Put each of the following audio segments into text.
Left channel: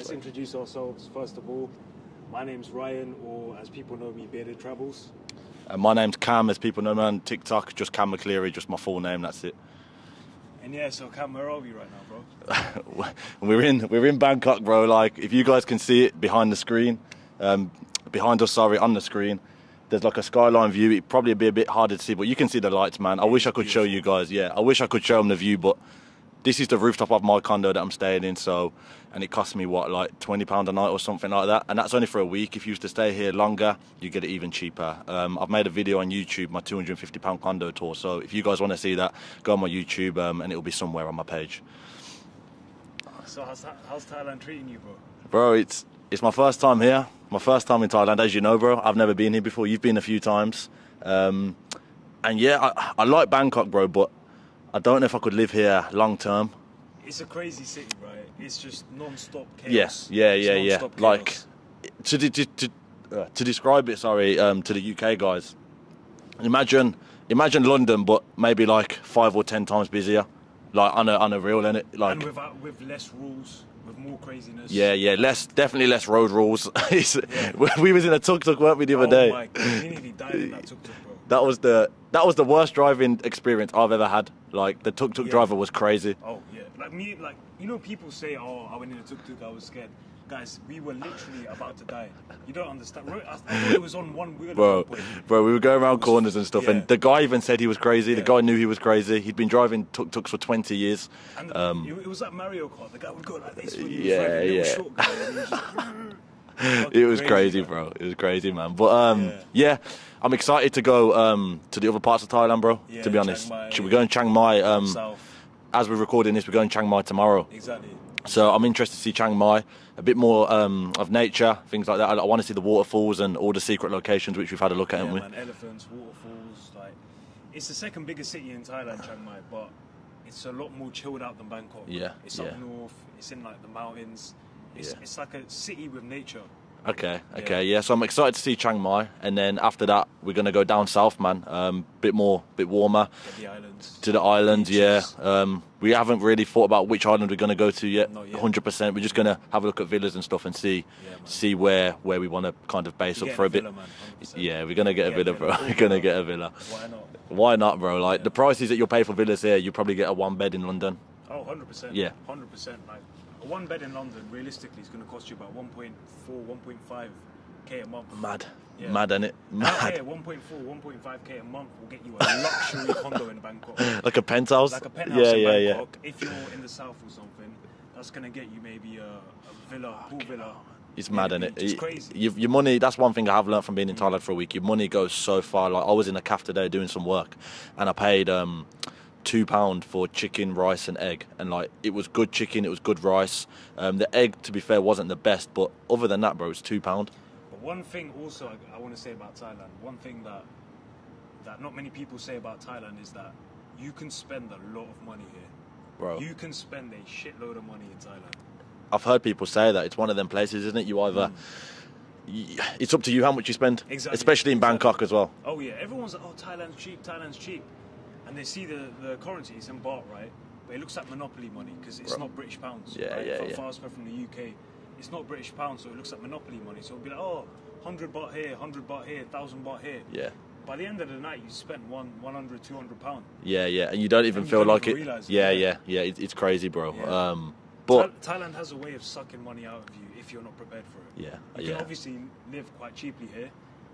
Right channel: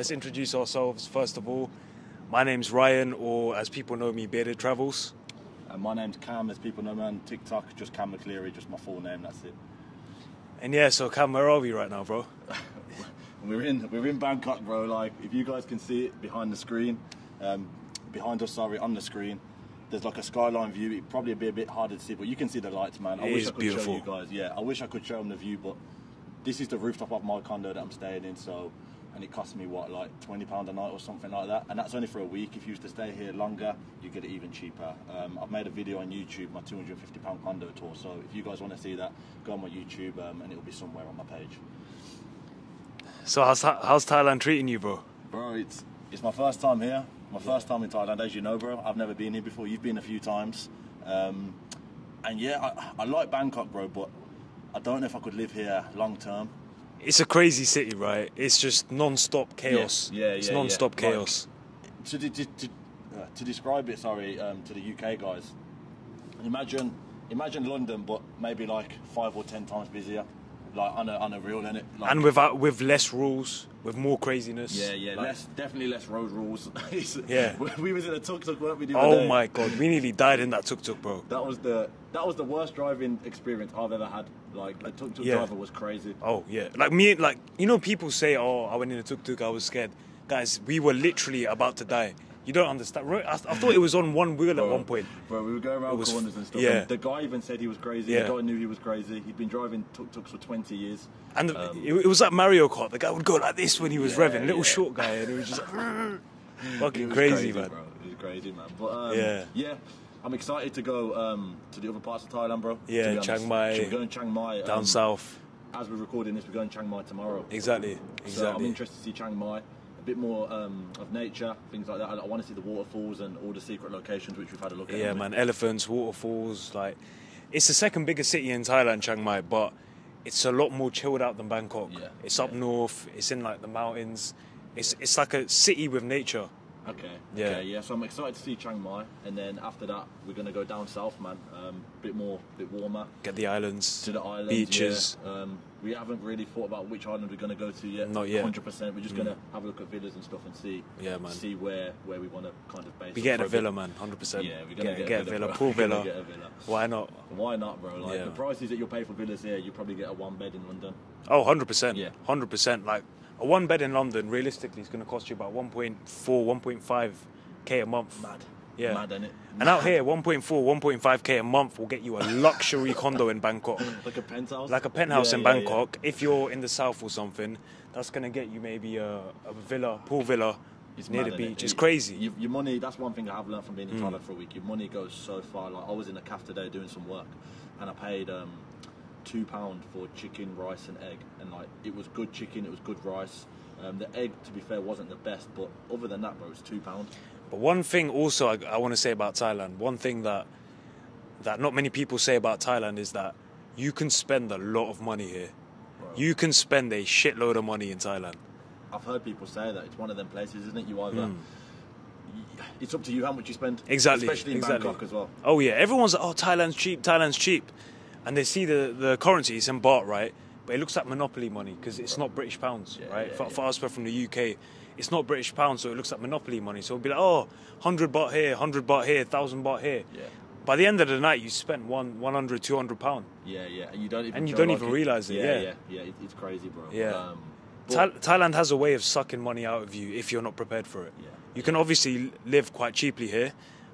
Let's introduce ourselves first of all. My name's Ryan, or as people know me, Bearded Travels. My name's Cam, as people know me on TikTok, just Cam McCleary, just my full name, that's it. And yeah, so Cam, where are we right now, bro? we're in Bangkok, bro. Like, if you guys can see it behind the screen, behind us, sorry, on the screen, there's like a skyline view. It'd probably be a bit harder to see, but you can see the lights, man. I wish I could show you guys. Yeah, I wish I could show them the view, but this is the rooftop of my condo that I'm staying in, so, and it cost me, what, like £20 a night or something like that, and that's only for a week. If you used to stay here longer, you get it even cheaper. I've made a video on YouTube, my £250 condo tour, so if you guys want to see that, go on my YouTube, and it'll be somewhere on my page. So how's Thailand treating you, bro? Bro, it's my first time here, my first time in Thailand, as you know, bro. I've never been here before. You've been a few times, and yeah, I like Bangkok, bro, but I don't know if I could live here long term. It's a crazy city, right? It's just non-stop chaos. Yeah. Non-stop chaos. Like, to describe it, sorry, to the UK guys, imagine London, but maybe like 5 or 10 times busier, like on a real, innit? Like, and with less rules, with more craziness. Yeah, definitely less road rules. We was in a tuk-tuk, weren't we, the other day? Oh my god, we nearly died in that tuk-tuk, bro. That was the worst driving experience I've ever had. Like, the tuk-tuk driver was crazy. Oh yeah, you know, people say, oh, I went in a tuk-tuk, I was scared. Guys, we were literally about to die. You don't understand. I thought it was on one wheel at one point. Bro, we were going around corners and stuff, and the guy even said he was crazy. Yeah. The guy knew he was crazy. He'd been driving tuk-tuks for 20 years. And it was like Mario Kart. The guy would go like this when he was revving. Little short guy. And it was just it was crazy, bro. It was crazy, man. But yeah, I'm excited to go to the other parts of Thailand, bro. Yeah, to be honest, Chiang Mai, we're going Chiang Mai. South. As we're recording this, we're going Chiang Mai tomorrow. Exactly. So I'm interested to see Chiang Mai, a bit more of nature, things like that. I want to see the waterfalls and all the secret locations which we've had a look at. Yeah, man, elephants, waterfalls. Like, it's the second biggest city in Thailand, Chiang Mai, but it's a lot more chilled out than Bangkok. Yeah, it's up north. It's in like the mountains. It's like a city with nature. Okay. Yeah. So I'm excited to see Chiang Mai, and then after that we're gonna go down south, man. Bit warmer. Get the islands. To the islands, beaches. yeah. We haven't really thought about which island we're gonna go to yet. Not yet. 100%. We're just gonna have a look at villas and stuff and see where we want to kind of base up for a bit. Villa, man. 100%. Yeah, we're gonna get a villa, bro. We're gonna get a villa. Why not? Why not, bro? Like, the prices that you'll pay for villas here, you probably get a 1 bed in London. Oh, 100%. Yeah. 100%. Like, a 1 bed in London, realistically, is going to cost you about 1.4, 1.5k a month. Mad. Yeah. Mad, innit? And out here, 1.4, 1.5k a month will get you a luxury condo in Bangkok. Like a penthouse? Like a penthouse in Bangkok. Yeah. If you're in the south or something, that's going to get you maybe a villa, pool villa. It's mad, innit? It's crazy. Your money, that's one thing I have learned from being in Thailand for a week. Your money goes so far. Like, I was in a cafe today doing some work, and I paid £2 for chicken, rice and egg, and like, it was good chicken, it was good rice. The egg, to be fair, wasn't the best, but other than that, bro, it's £2. But one thing also I want to say about Thailand, one thing that not many people say about Thailand is that you can spend a lot of money here. Bro, you can spend a shitload of money in Thailand. I've heard people say that it's one of them places, isn't it? You either it's up to you how much you spend. Exactly. Especially in Bangkok as well. Oh yeah, everyone's like, oh, Thailand's cheap, and they see the currency, it's in baht, right? But it looks like monopoly money because it's not British pounds. Yeah, right? For us, we're from the UK, it's not British pounds, so it looks like monopoly money. So it'll be like, oh, 100 baht here, 100 baht here, 1,000 baht here. Yeah. By the end of the night, you spent 100, 200 pound. Yeah, and you don't even feel like it. Realize it. Yeah. It's crazy, bro. Yeah. But Thailand has a way of sucking money out of you if you're not prepared for it. Yeah. You can obviously live quite cheaply here,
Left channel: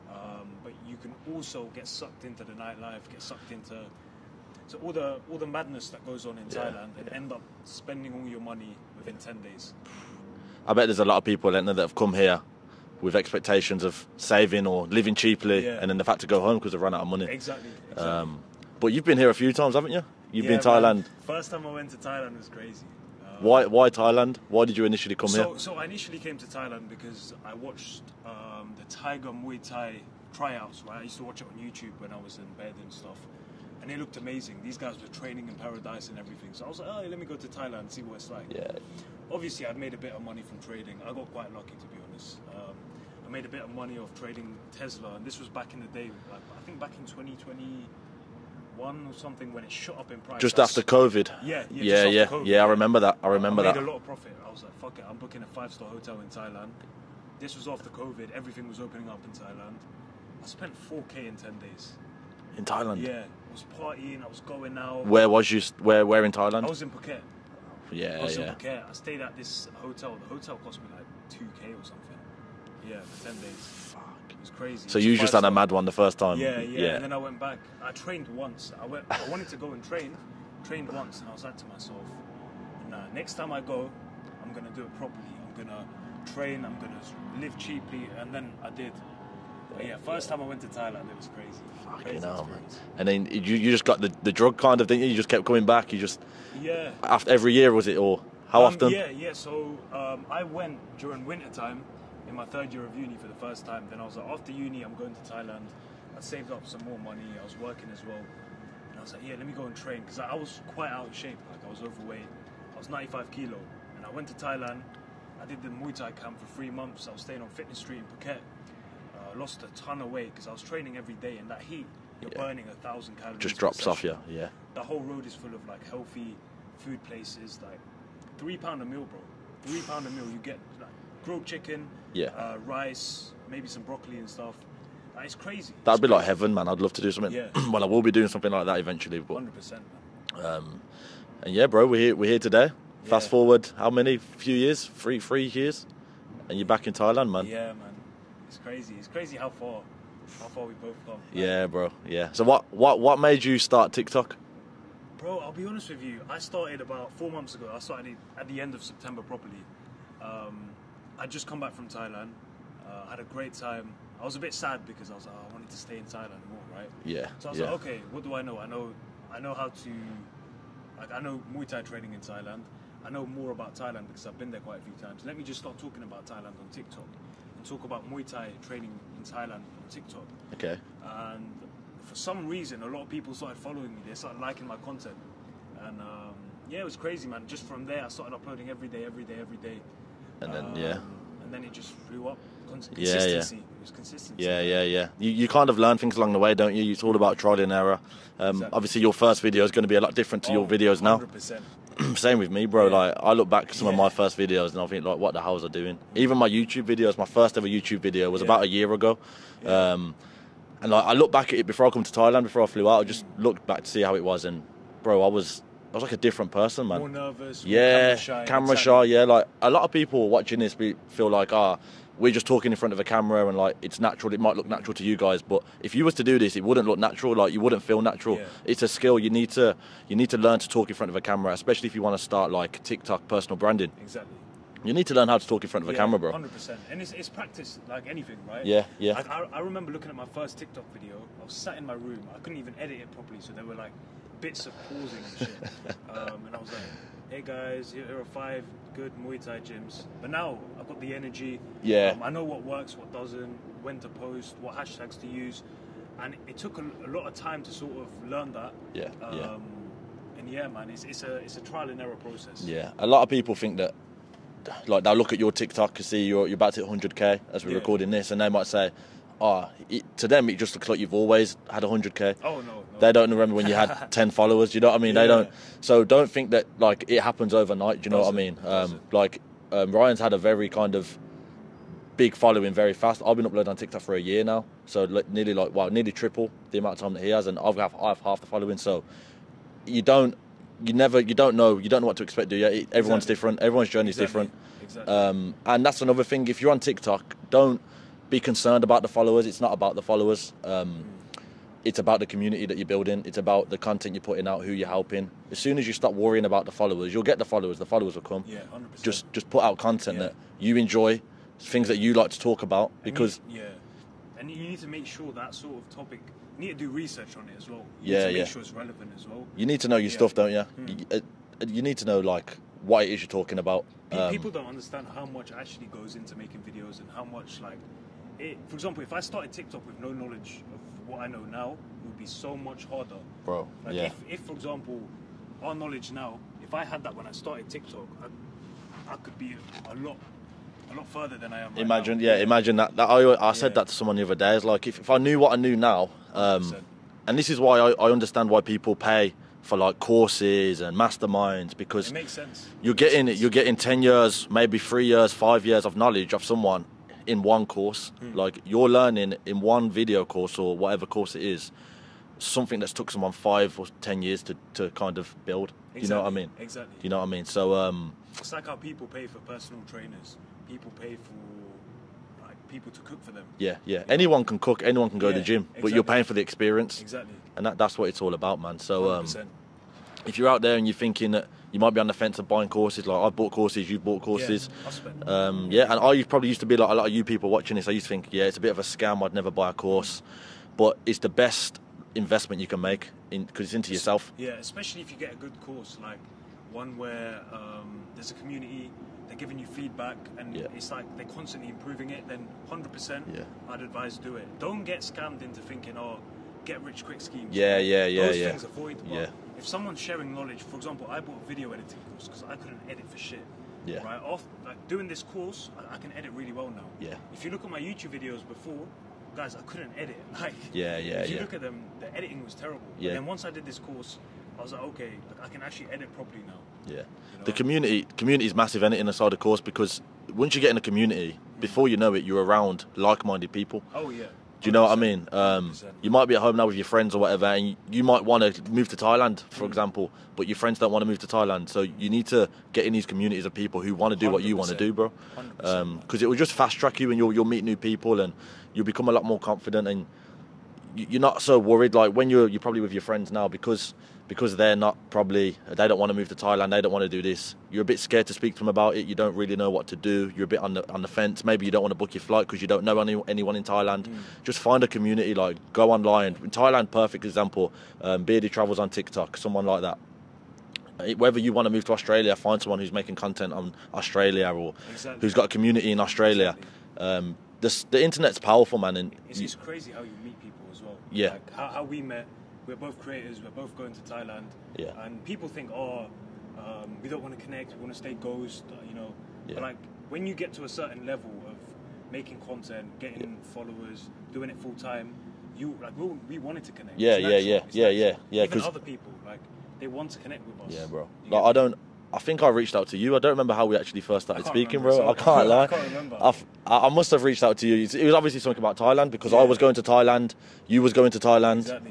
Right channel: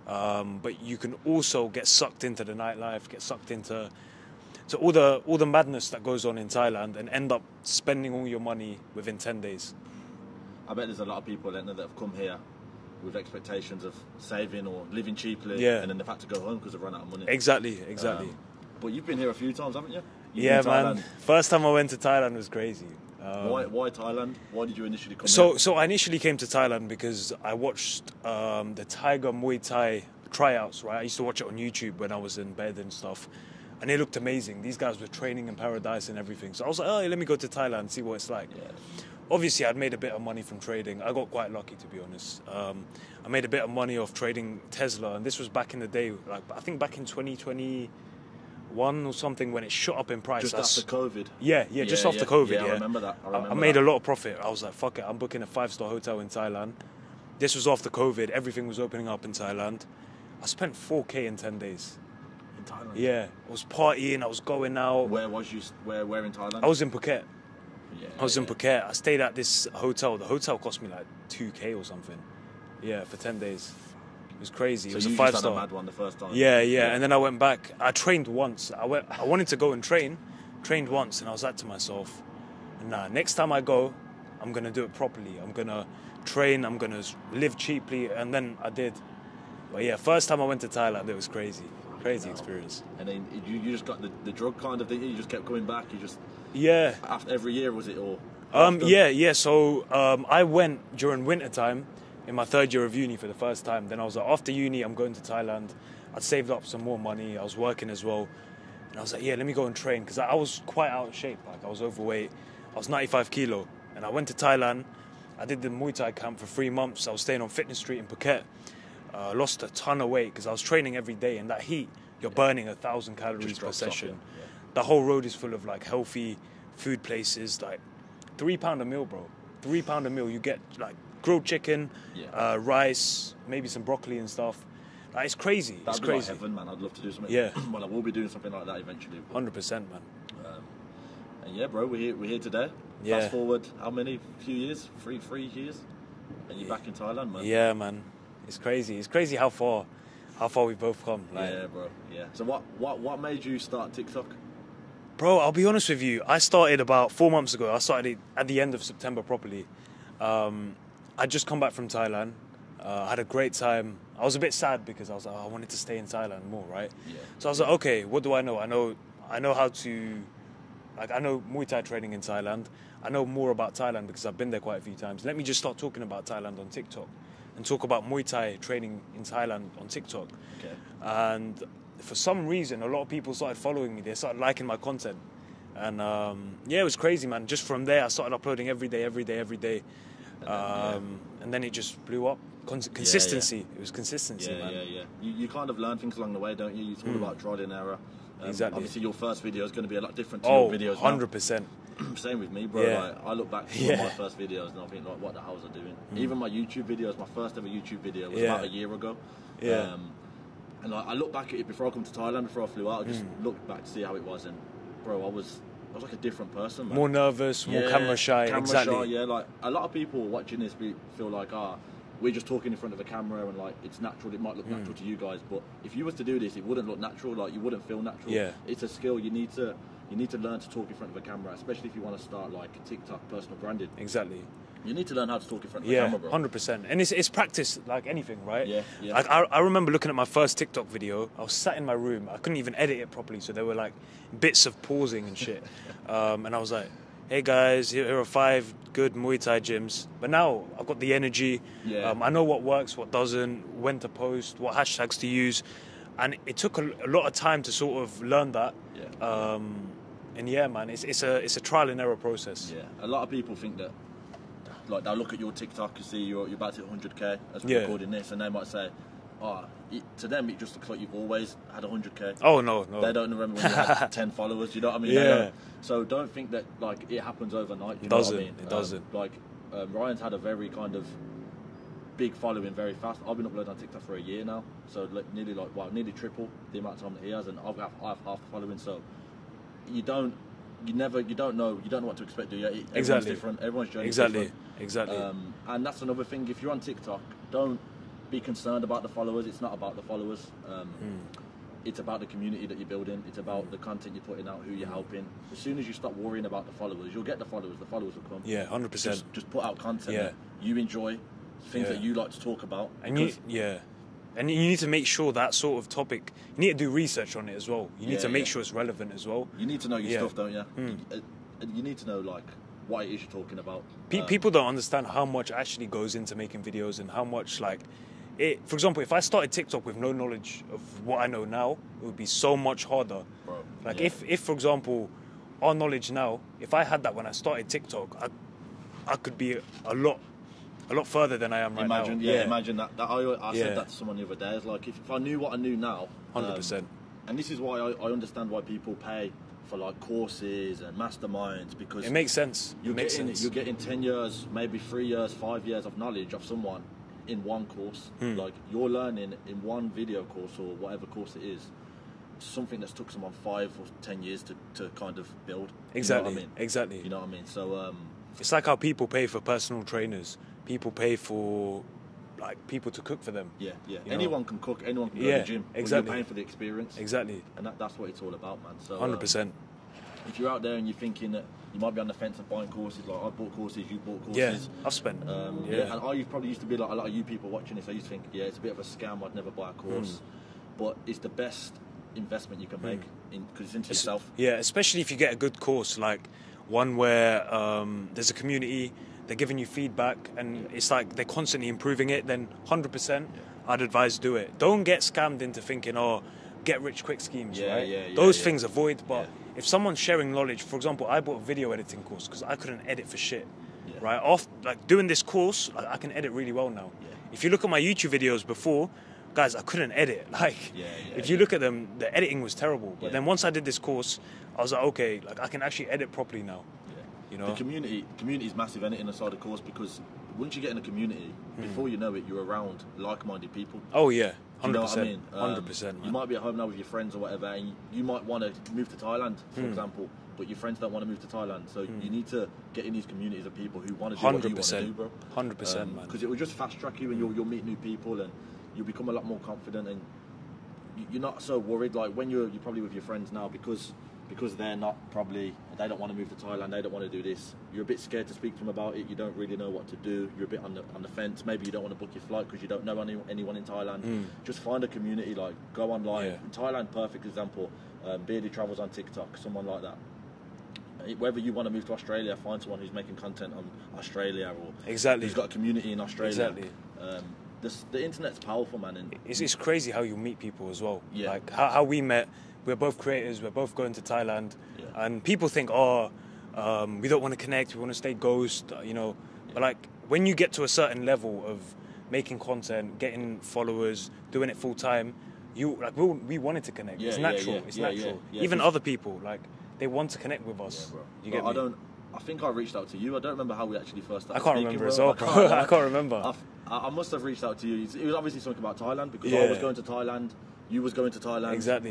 but you can also get sucked into the nightlife, get sucked into all the madness that goes on in Thailand, and end up spending all your money within 10 days. I bet there's a lot of people that have come here with expectations of saving or living cheaply, and then they've had to go home because they've run out of money. Exactly. But you've been here a few times, haven't you? You've been to Thailand. Man. First time I went to Thailand was crazy. Why Thailand? Why did you initially come here? So I initially came to Thailand because I watched the Tiger Muay Thai tryouts, right? I used to watch it on YouTube when I was in bed and stuff. And it looked amazing. These guys were training in paradise and everything. So I was like, oh, let me go to Thailand and see what it's like. Yeah. Obviously, I'd made a bit of money from trading. I got quite lucky, to be honest. I made a bit of money off trading Tesla. And this was back in the day, like I think back in 2021, 1 or something when it shot up in price. Just after COVID. Yeah, just after COVID. Yeah, I remember that. I remember that. I made a lot of profit. I was like, fuck it, I'm booking a 5-star hotel in Thailand. This was after COVID. Everything was opening up in Thailand. I spent 4K in 10 days. In Thailand? Yeah. I was partying. I was going out. Where was you? Where in Thailand? I was in Phuket. Yeah. I was in Phuket. I stayed at this hotel. The hotel cost me like 2K or something. Yeah, for 10 days. It was crazy. So you just had a mad one the first time? Yeah. And then I went back. I trained once. I wanted to go and trained once, and I was like to myself, nah, next time I go, I'm going to do it properly. I'm going to train, I'm going to live cheaply, and then I did. But yeah, first time I went to Thailand, it was crazy. Crazy experience. And then you just got the drug kind of, didn't you? You just kept coming back. You just... Yeah. After every year, was it, or how often? Yeah. So I went during winter time in my 3rd year of uni for the first time. Then I was like, after uni, I'm going to Thailand. I'd saved up some more money. I was working as well. And I was like, yeah, let me go and train. Because I was quite out of shape. Like, I was overweight. I was 95 kilo. And I went to Thailand. I did the Muay Thai camp for 3 months. I was staying on Fitness Street in Phuket. Lost a ton of weight because I was training every day. In that heat, you're burning 1,000 calories. Just drops off, yeah. The whole road is full of like healthy food places. Like £3 a meal, bro. £3 a meal. You get like grilled chicken, rice, maybe some broccoli and stuff. Like, it's crazy. That'd be like heaven, man. I'd love to do something. Yeah. Well, I will be doing something like that eventually. But 100%, man. And yeah, bro, we're here today. Yeah. Fast forward, how many? Few years? Three years, and you're back in Thailand, man. Yeah, man. It's crazy. It's crazy how far we've both come. Like, yeah, bro. Yeah. So what made you start TikTok? Bro, I'll be honest with you. I started about 4 months ago. I started it at the end of September properly. I'd just come back from Thailand. I had a great time. I was a bit sad because I was like, I wanted to stay in Thailand more, right? Yeah. So I was like, okay, what do I know? I know how to, like, I know Muay Thai training in Thailand. I know more about Thailand because I've been there quite a few times. Let me just start talking about Thailand on TikTok and talk about Muay Thai training in Thailand on TikTok. Okay. And for some reason, a lot of people started following me. They started liking my content. And yeah, it was crazy, man. Just from there, I started uploading every day. And then it just blew up. Consistency. It was consistency. Yeah. You kind of learn things along the way, don't you? It's all about trial and error. Exactly. Obviously, your first video is going to be a lot different to your videos now. 100%. Same with me, bro. Yeah. Like, I look back at some of my first videos and I think, like, what the hell was I doing? Even my YouTube videos, my first ever YouTube video was about a year ago. Yeah. And like, I look back at it before I come to Thailand, before I flew out. I just looked back to see how it was, and bro, I was like a different person, man. More nervous, more camera shy. Camera shy, yeah. Like, a lot of people watching this feel like, we're just talking in front of a camera and like it's natural. It might look natural to you guys, but if you was to do this, it wouldn't look natural. Like, you wouldn't feel natural. Yeah. It's a skill. You need to learn to talk in front of a camera, especially if you want to start like TikTok personal branding. Exactly. You need to learn how to talk in front of a camera, bro. 100%. And it's practice like anything, right? Yeah. Like, I remember looking at my first TikTok video. I was sat in my room. I couldn't even edit it properly, so there were like bits of pausing and shit. And I was like, hey guys, here are 5 good Muay Thai gyms. But now I've got the energy. Yeah. I know what works, what doesn't, when to post, what hashtags to use. And it took a lot of time to sort of learn that. Yeah. And yeah, man, it's a trial and error process. Yeah. A lot of people think that, like, they'll look at your TikTok and see you're about to hit 100k as we're recording this, and they might say, to them it just looks like you've always had 100k. Oh no. They don't remember when you had 10 followers. You know what I mean? Yeah. They don't. So don't think that like it happens overnight. Do you know what I mean? Ryan's had a very kind of big following very fast. I've been uploading on TikTok for a year now, so nearly triple the amount of time that he has, and I've half the following. So you don't know what to expect, do you? Everyone's different. Everyone's journey is different. Exactly. And that's another thing. If you're on TikTok, don't be concerned about the followers. It's not about the followers. It's about the community that you're building. It's about the content you're putting out, who you're helping. As soon as you stop worrying about the followers, you'll get the followers. The followers will come. Yeah, 100%. Just put out content that you enjoy, things that you like to talk about. Because and you need to make sure that sort of topic, you need to do research on it as well. You need to make sure it's relevant as well. You need to know your stuff, don't you? You need to know like what it is you're talking about. People don't understand how much actually goes into making videos and how much like it. For example, if I started TikTok with no knowledge of what I know now, it would be so much harder, bro. Like if for example, our knowledge now, if I had that when I started TikTok, I could be a lot further than I am right now. Imagine that. I said that to someone the other day. It's like if I knew what I knew now, and this is why I understand why people pay for like courses and masterminds, because It makes sense. you're getting 10 years, maybe 3 years, 5 years of knowledge of someone in one course. Like you're learning in one video course or whatever course it is, something that's took someone 5 or 10 years to kind of build. Exactly. You know what I mean? Exactly. You know what I mean? So It's like how people pay for personal trainers. People pay for like people to cook for them. yeah. Anyone can cook, anyone can go to Yeah, the gym, but exactly. you're paying for the experience. Exactly. And that's what it's all about, man. So 100%. if you're out there and you're thinking that you might be on the fence of buying courses, like I've bought courses, you've bought courses. Yeah, I've spent. And I probably used to be like a lot of you people watching this. I used to think, it's a bit of a scam. I'd never buy a course, but it's the best investment you can make because it's into yourself. Yeah, especially if you get a good course, like one where there's a community, they're giving you feedback, and it's like they're constantly improving it. Then 100%, I'd advise do it. Don't get scammed into thinking, get rich quick schemes. Those things avoid. But if someone's sharing knowledge, for example, I bought a video editing course because I couldn't edit for shit. Yeah. Right. Off like doing this course, I can edit really well now. Yeah. If you look at my YouTube videos before, guys, I couldn't edit. Like, if you look at them, the editing was terrible. But then once I did this course, I was like, okay, like I can actually edit properly now. Yeah. You know? The community is massive in it inside the course, because once you get in a community, before you know it, you're around like-minded people. Oh yeah. Do you know what I mean? 100%. You might be at home now with your friends or whatever, and you might want to move to Thailand, for example, but your friends don't want to move to Thailand. So you need to get in these communities of people who want to do what you want to do, bro. 100%. Because it will just fast track you, and you'll meet new people, and you'll become a lot more confident, and you're not so worried. Like when you're probably with your friends now, because they don't want to move to Thailand, they don't want to do this. You're a bit scared to speak to them about it. You don't really know what to do. You're a bit on the fence. Maybe you don't want to book your flight because you don't know anyone in Thailand. Just find a community, like go online. In Thailand, perfect example. Bearded Travels on TikTok, someone like that. Whether you want to move to Australia, find someone who's making content on Australia or who's got a community in Australia. The internet's powerful, man. And it's crazy how you meet people as well. Yeah. Like how we met. We're both creators. We're both going to Thailand. Yeah. And people think, we don't want to connect. We want to stay ghost. You know. Yeah. But like when you get to a certain level of making content, getting followers, doing it full time, we wanted to connect. Yeah, It's natural. It's natural. yeah. Even other people, like they want to connect with us. Yeah, bro. You Like, get me? I think I reached out to you. I don't remember how we actually first started speaking, remember, bro. so I can't remember. I must have reached out to you. It was obviously something about Thailand, because I was going to Thailand, you was going to Thailand. Exactly.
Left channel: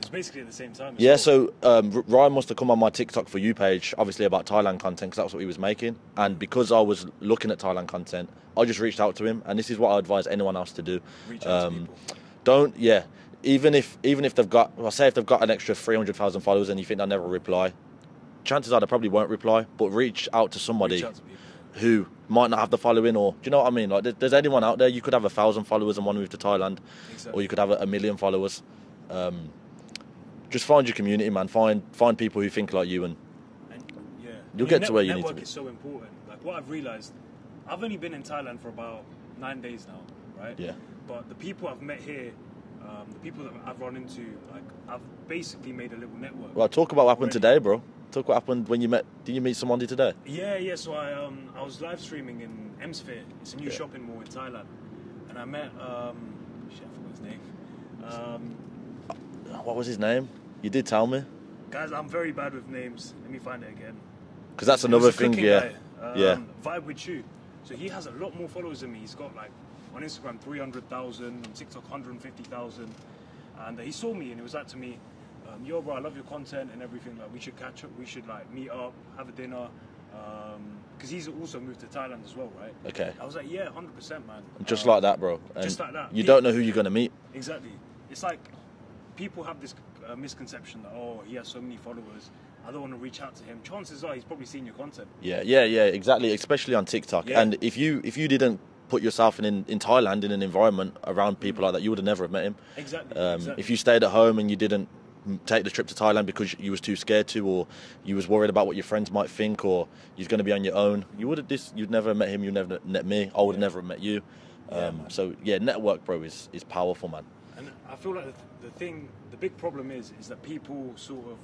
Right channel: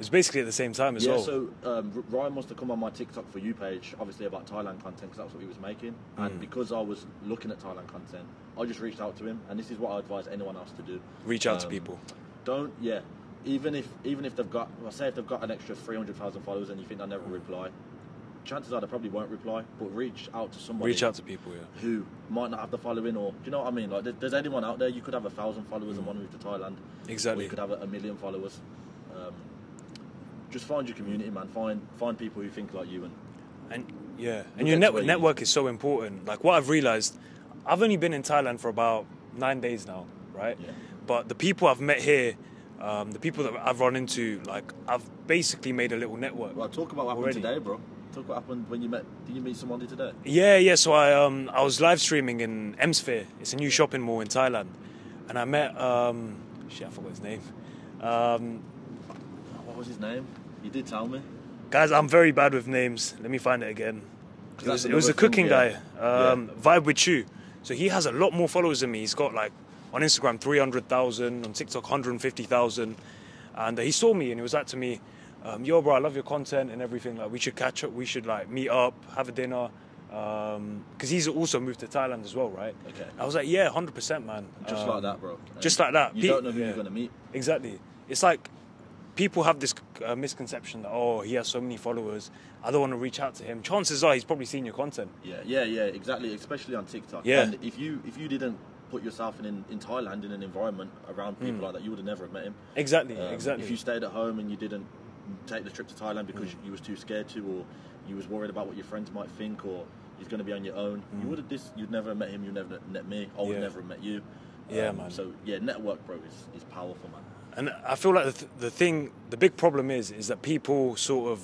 It's basically at the same time as Yeah, well. so Ryan must have come on my TikTok For You page, obviously about Thailand content, because that's what he was making. And because I was looking at Thailand content, I just reached out to him. And this is what I advise anyone else to do. Reach out to people. Even if they've got, say if they've got an extra 300,000 followers and you think they'll never reply, chances are they probably won't reply, but reach out to somebody Reach out to people, who might not have the following, or do you know what I mean? Like, there's anyone out there, you could have 1,000 followers and want to move to Thailand, Exactly. or you could have a million followers. Just find your community, man. Find people who think like you, and your get to where you need network is so important. Like what I've realized, I've only been in Thailand for about 9 days now, right? Yeah. But the people I've met here, the people that I've run into, like I've basically made a little network. Well, talk about what happened already. today, bro. Talk what happened when you met. Did you meet someone today? Yeah. So I was live streaming in Msphere. It's a new shopping mall in Thailand, and I met I forgot his name. What was his name? You did tell me. Guys, I'm very bad with names. Let me find it again. Because that's It another was a thing. cooking Yeah. guy. Vibe with you. So he has a lot more followers than me. He's got like on Instagram 300,000, on TikTok 150,000, and he saw me and he was like to me, "Yo, bro, I love your content and everything. Like, we should catch up. We should like meet up, have a dinner." Because he's also moved to Thailand as well, right? Okay. I was like, "Yeah, 100%, man." Just like that, bro. And just like that. You don't know who you're gonna meet. Exactly. It's like people have this misconception that he has so many followers, I don't want to reach out to him. Chances are he's probably seen your content. Yeah, exactly. Especially on TikTok. Yeah. And if you didn't put yourself in Thailand in an environment around people like that, you would have never have met him. Exactly. If you stayed at home and you didn't take the trip to Thailand because you was too scared to, or you was worried about what your friends might think, or you're going to be on your own, you'd never have met him. You'd never met me. I would never have met you. Man. So yeah, network, bro, is powerful, man. And I feel like the big problem is that people sort of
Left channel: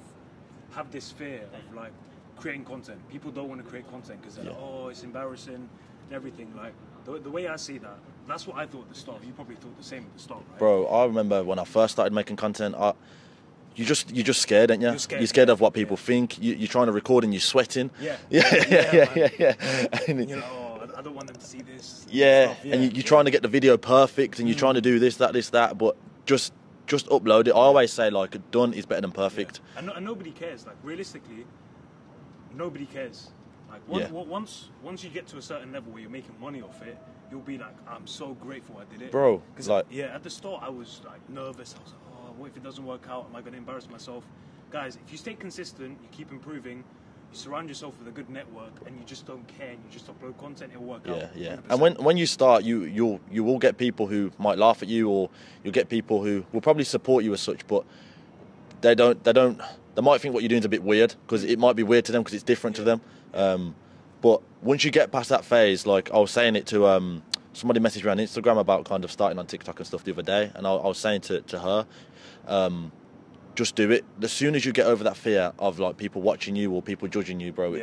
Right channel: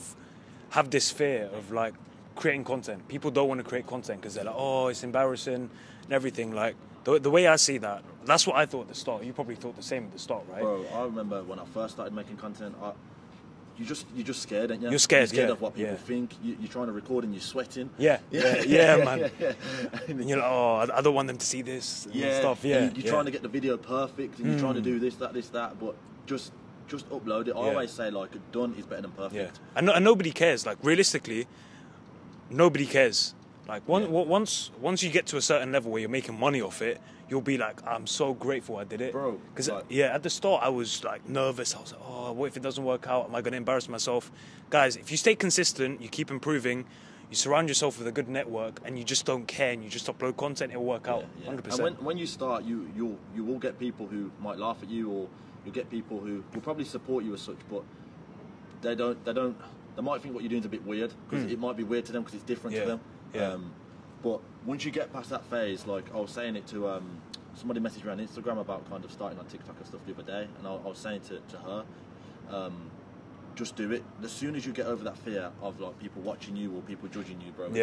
have this fear of like creating content. People don't want to create content because they're like, it's embarrassing. and everything. Like the way I see that, that's what I thought at the start. You probably thought the same at the start, right? Bro, I remember when I first started making content, you're just scared, ain't you? You're scared. You're scared of what people think. You're trying to record and you're sweating. Yeah. Yeah. And you're like, oh, I don't want them to see this. Yeah. And you're trying to get the video perfect, and you're trying to do this, that, but just upload it. I always say, like, done is better than perfect. Yeah. And nobody cares. Like, realistically, nobody cares. Like, once you get to a certain level where you're making money off it, you'll be like, I'm so grateful I did it. Bro. Because, like, at the start, I was, like, nervous. I was like, oh, what if it doesn't work out? Am I going to embarrass myself? Guys, if you stay consistent, you keep improving, you surround yourself with a good network, and you just don't care, and you just upload content, it'll work out. Yeah. 100%. And when you start, you will get people who might laugh at you, or you'll get people who will probably support you as such, but they might think what you're doing is a bit weird, because it might be weird to them because it's different to them. But once you get past that phase, like I was saying it to somebody messaged me on Instagram about kind of starting on TikTok and stuff the other day, and I was saying to her, just do it. As soon as you get over that fear of like people watching you or people judging you, bro,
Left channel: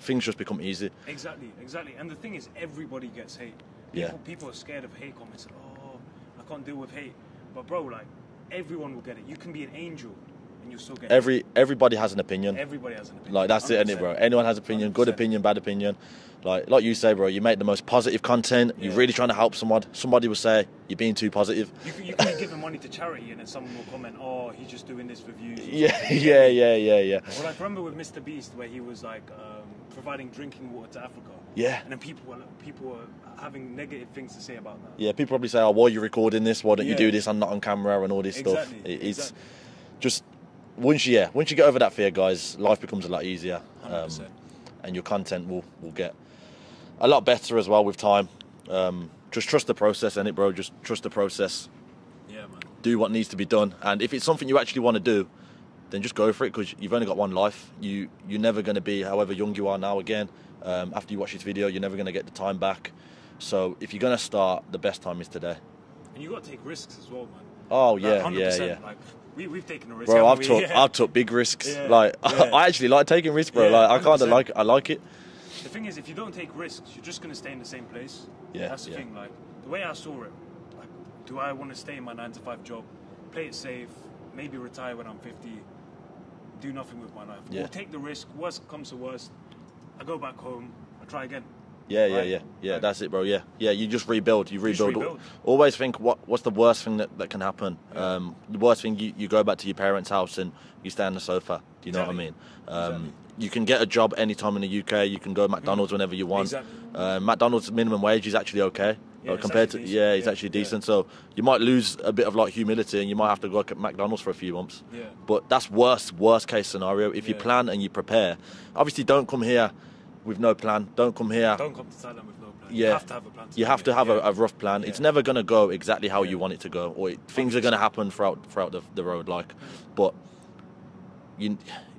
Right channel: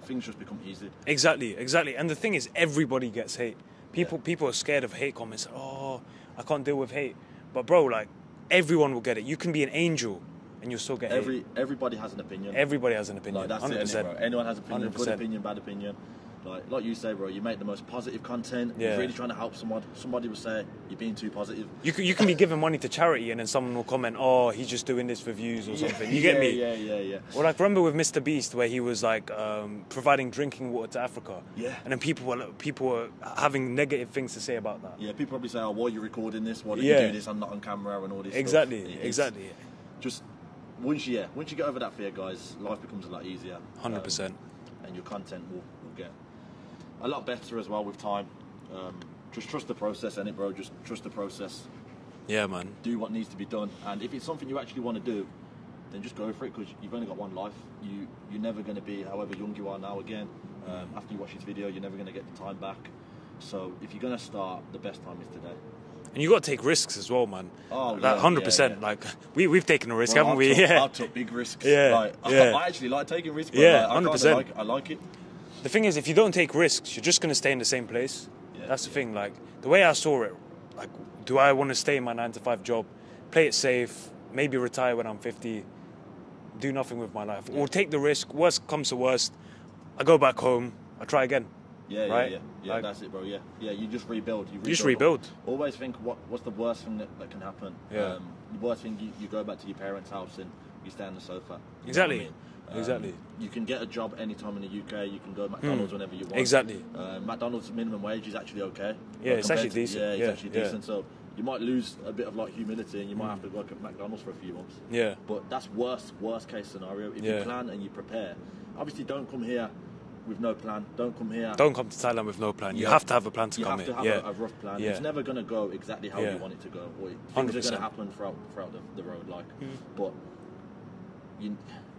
things just become easy. Exactly. And the thing is, everybody gets hate. People are scared of hate comments. Oh, I can't deal with hate. But bro, like, everyone will get it. You can be an angel and you'll still get hate. Everybody has an opinion. Everybody has an opinion. Like, that's 100%. It, isn't it, bro? Anyone has an opinion. 100%. Good opinion, bad opinion. Like you say, bro, you make the most positive content. You're really trying to help someone. Somebody will say you're being too positive. You can be giving money to charity, and then someone will comment, "Oh, he's just doing this for views." Or yeah. Well, like, remember with Mr. Beast, where he was like providing drinking water to Africa. Yeah. And then people were having negative things to say about that. Yeah, people probably say, "Oh, why are you recording this? Why don't you do this? I'm not on camera and all this stuff." Exactly. Just once you get over that fear, guys, life becomes a lot easier. 100%. And your content will get a lot better as well with time. Just trust the process, innit, bro? Just trust the process. Yeah, man. Do what needs to be done. And if it's something you actually want to do, then just go for it, because you've only got one life. You're never going to be however young you are now again. After you watch this video, you're never going to get the time back. So if you're going to start, the best time is today. And you got to take risks as well, man. Oh, yeah. 100%. Yeah. Like, we've taken a risk, bro, haven't we? I've took big risks. Yeah. I actually like taking risks, bro. Yeah, I like it. The thing is, if you don't take risks, you're just going to stay in the same place. Yeah. That's the thing. Like, the way I saw it, like, do I want to stay in my 9-to-5 job, play it safe, maybe retire when I'm 50, do nothing with my life? Or take the risk, worst comes to worst, I go back home, I try again. Yeah, like, that's it, bro. Yeah, you just rebuild. You rebuild. Just Always think, what's the worst thing that can happen? Yeah. The worst thing, you go back to your parents' house and you stay on the sofa. You know what I mean? Exactly. You can get a job anytime in the UK. You can go to McDonald's whenever you want. Exactly. McDonald's minimum wage is actually okay. Yeah, it's actually decent. It's actually decent. So you might lose a bit of like humility, and you might have to work at McDonald's for a few months. Yeah. But that's worst case scenario. If you plan and you prepare, obviously don't come here with no plan. Don't come to Thailand with no plan. You have to have a plan. You have to have a rough plan. It's never going to go exactly how you want it to go, or things 100%. Are going to happen throughout the road. But you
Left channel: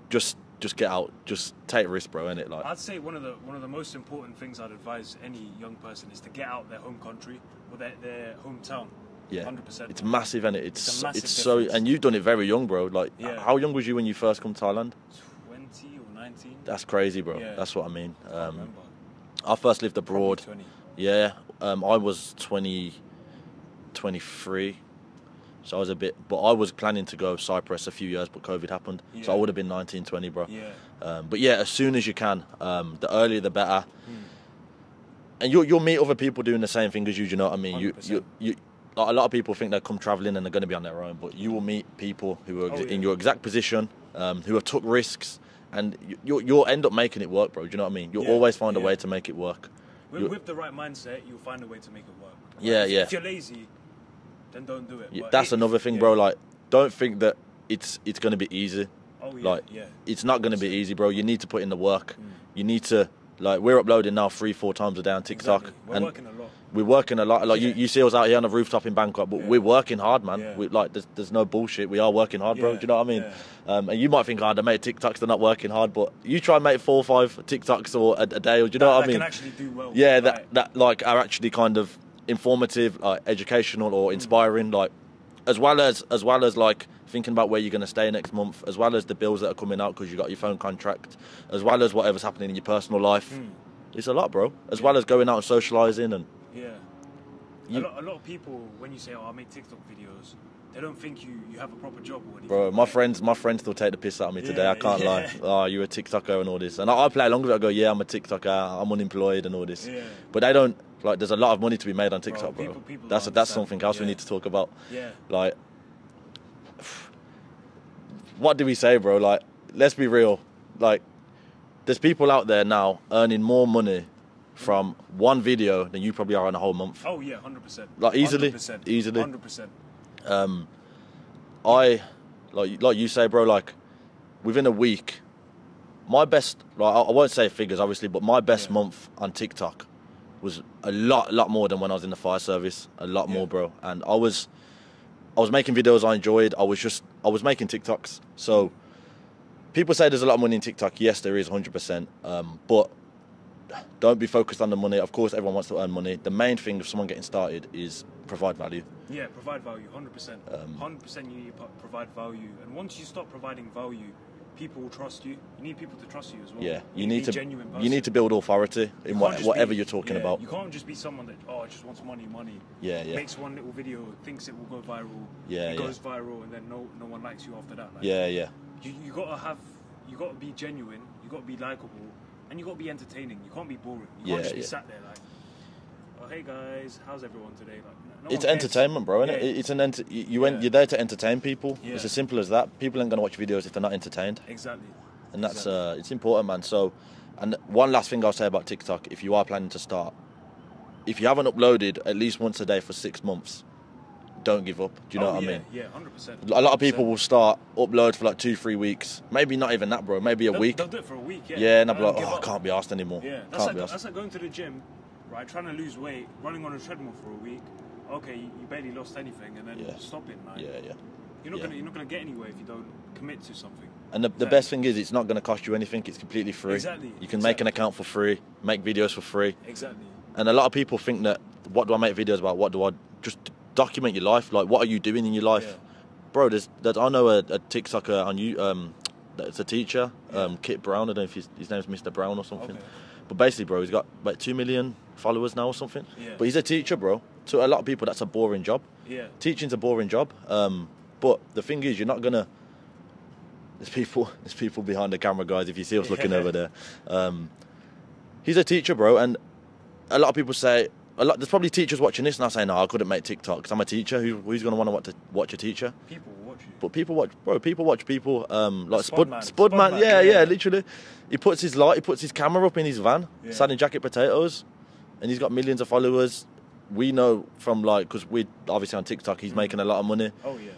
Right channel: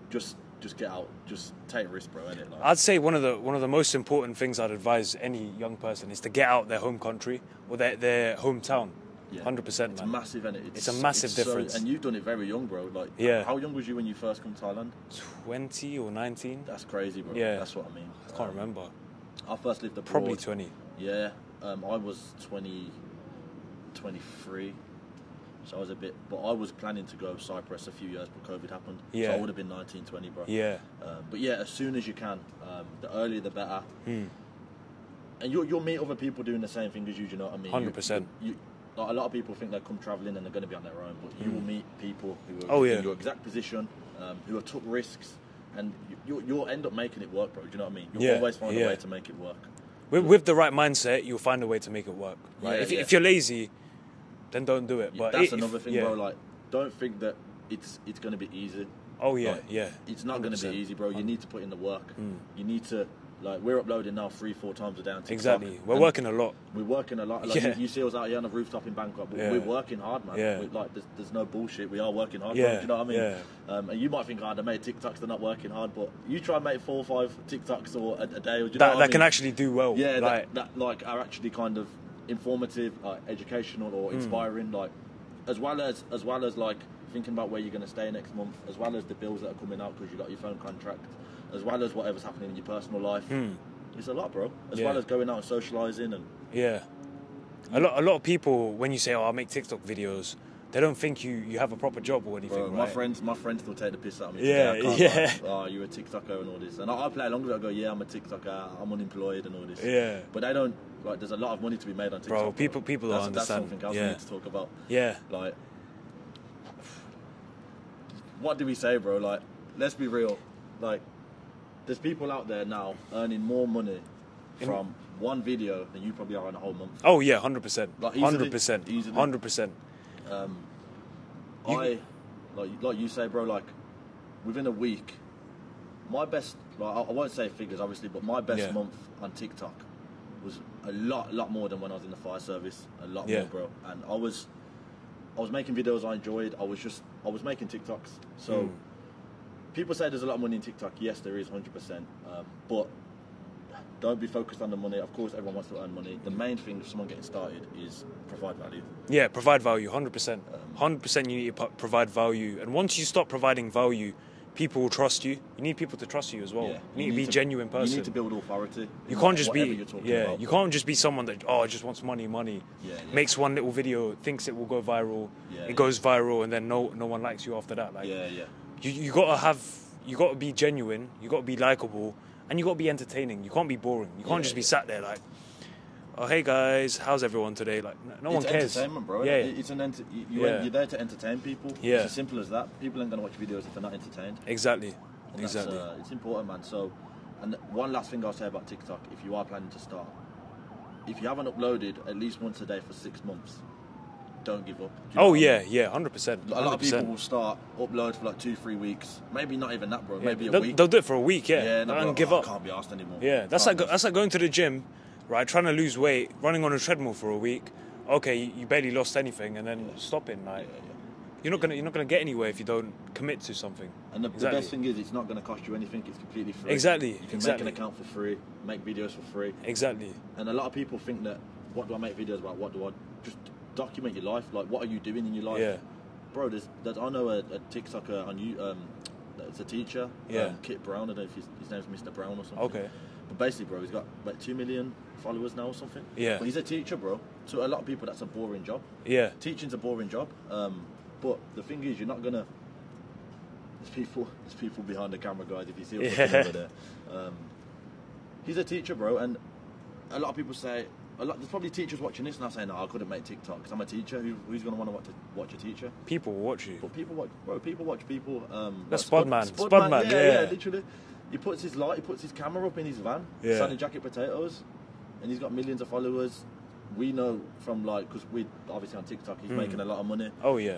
just get out, just take a risk, bro. Innit? Like, I'd say one of the most important things I'd advise any young person is to get out their home country or their hometown. Yeah, 100%. It's massive, innit? It's a massive So, difference. and you've done it very young, bro. Like, how young was you when you first come to Thailand? 20 or 19. That's crazy, bro. Yeah. That's what I mean. I can't remember. I first lived abroad. Probably 20. Yeah, I was 23. So I was but I was planning to go Cyprus a few years, but COVID happened. Yeah. So I would have been 19, 20, bro. Yeah. But yeah, as soon as you can, the earlier the better. And you'll meet other people doing the same thing as you. Do you know what I mean? 100%. A lot of people think they come travelling and they're going to be on their own, but you will meet people who are in your exact position, who have took risks, and you'll end up making it work, bro. Do you know what I mean? You'll always find a way to make it work. With the right mindset, you'll find a way to make it work. Right? If you're lazy, then don't do it. But that's another thing, bro. Like, don't think that it's going to be easy. Oh, yeah, It's not going to be easy, bro. You need to put in the work. You need to, like, we're uploading now 3-4 times a day on TikTok. Exactly. We're working a lot. We're working a lot. Like, you see us out here on the rooftop in Bangkok, but we're working hard, man. Yeah. There's no bullshit. We are working hard, bro. Do you know what I mean? Yeah. And you might think, they make TikToks, they're not working hard, but you try and make 4 or 5 TikToks or a day, or do you know what I mean? That can actually do well. Yeah, that are actually kind of informative, educational, or inspiring, like, as well as like thinking about where you're going to stay next month, as well as the bills that are coming out because you got your phone contract, as well as whatever's happening in your personal life. It's a lot, bro. As Yeah. well as going out and socialising and... Yeah. A lot of people, when you say, "Oh, I make TikTok videos," they don't think you have a proper job or anything. Bro, like my friends still take the piss out of me today. Yeah, I can't yeah. lie. Oh, you're a TikToker and all this. And I play along with it. I go, yeah, I'm a TikToker. I'm unemployed and all this. Yeah. But they don't, like, there's a lot of money to be made on TikTok. Bro, people That's don't that's understand. something else we Yeah. need to talk about. Yeah. Like, what do we say, bro? Like, let's be real. Like, there's people out there now earning more money from one video than you probably are in a whole month. Oh yeah, 100%. Like, easily. 100%. Easily. 100%. Like you say, bro, like, within a week, my best, like, I won't say figures, obviously, but my best Yeah. month on TikTok was a lot more than when I was in the fire service. A lot Yeah. more, bro. And I was making videos I enjoyed. I was making TikToks. So people say there's a lot of money in TikTok. Yes, there is 100%. But don't be focused on the money. Of course, everyone wants to earn money. The main thing of someone getting started is provide value. Yeah, provide value, 100%. 100% you need to provide value. And once you stop providing value, people will trust you. You need people to trust you as well. Yeah, You need to be a genuine person. You need to build authority in whatever you're talking about. You can't just be someone that, just wants money. Yeah. Makes one little video, thinks it will go viral. Yeah, it goes viral, and then no one likes you after that. Like, Yeah. You gotta be genuine. You gotta be likable, and you gotta be entertaining. You can't be boring. You can't just be sat there like, "Oh, hey guys, how's everyone today?" Like, no one It's cares. entertainment, bro. Yeah. It's you're there to entertain people. Yeah. It's as simple as that. People ain't gonna watch videos if they're not entertained, Exactly. and that's it's important, man. So, and one last thing I'll say about TikTok: if you are planning to start, if you haven't uploaded at least once a day for 6 months, don't give up. Do you know what I mean? yeah, 100%. A lot of people will start upload for like 2-3 weeks, maybe not even that, bro. Maybe a week. They'll do it for a week, yeah. Yeah, and I'll be Don't like, give I up. can't be asked anymore. Yeah, that's like going to the gym, right? Trying to lose weight, running on a treadmill for a week. Okay, you barely lost anything, and then stopping. Like, Yeah. you're not gonna get anywhere if you don't commit to something. And the best thing is, it's not going to cost you anything. It's completely free. Exactly. You can make an account for free, make videos for free. Exactly. And a lot of people think that, what do I make videos about? What do I just document your life? Like, what are you doing in your life? Yeah. Bro, I know a TikToker on you. It's a teacher, Yeah. Kit Brown. I don't know if his name is Mr. Brown or something. Okay. But basically, bro, he's got like 2 million followers now or something. Yeah. But he's a teacher, bro. To a lot of people, that's a boring job. Yeah. Teaching's a boring job. But the thing is, you're not gonna. There's people behind the camera, guys. If you see us looking over there, he's a teacher, bro. And a lot of people say, there's probably teachers watching this now saying, "No, I couldn't make TikTok because I'm a teacher. Who's gonna want to watch a teacher?" People will watch you. But people watch, bro. People watch people like Spudman. Spudman. Yeah, literally. He puts his camera up in his van, Yeah. selling jacket potatoes, and he's got millions of followers. We know from because we're obviously on TikTok, he's making a lot of money. Oh yeah.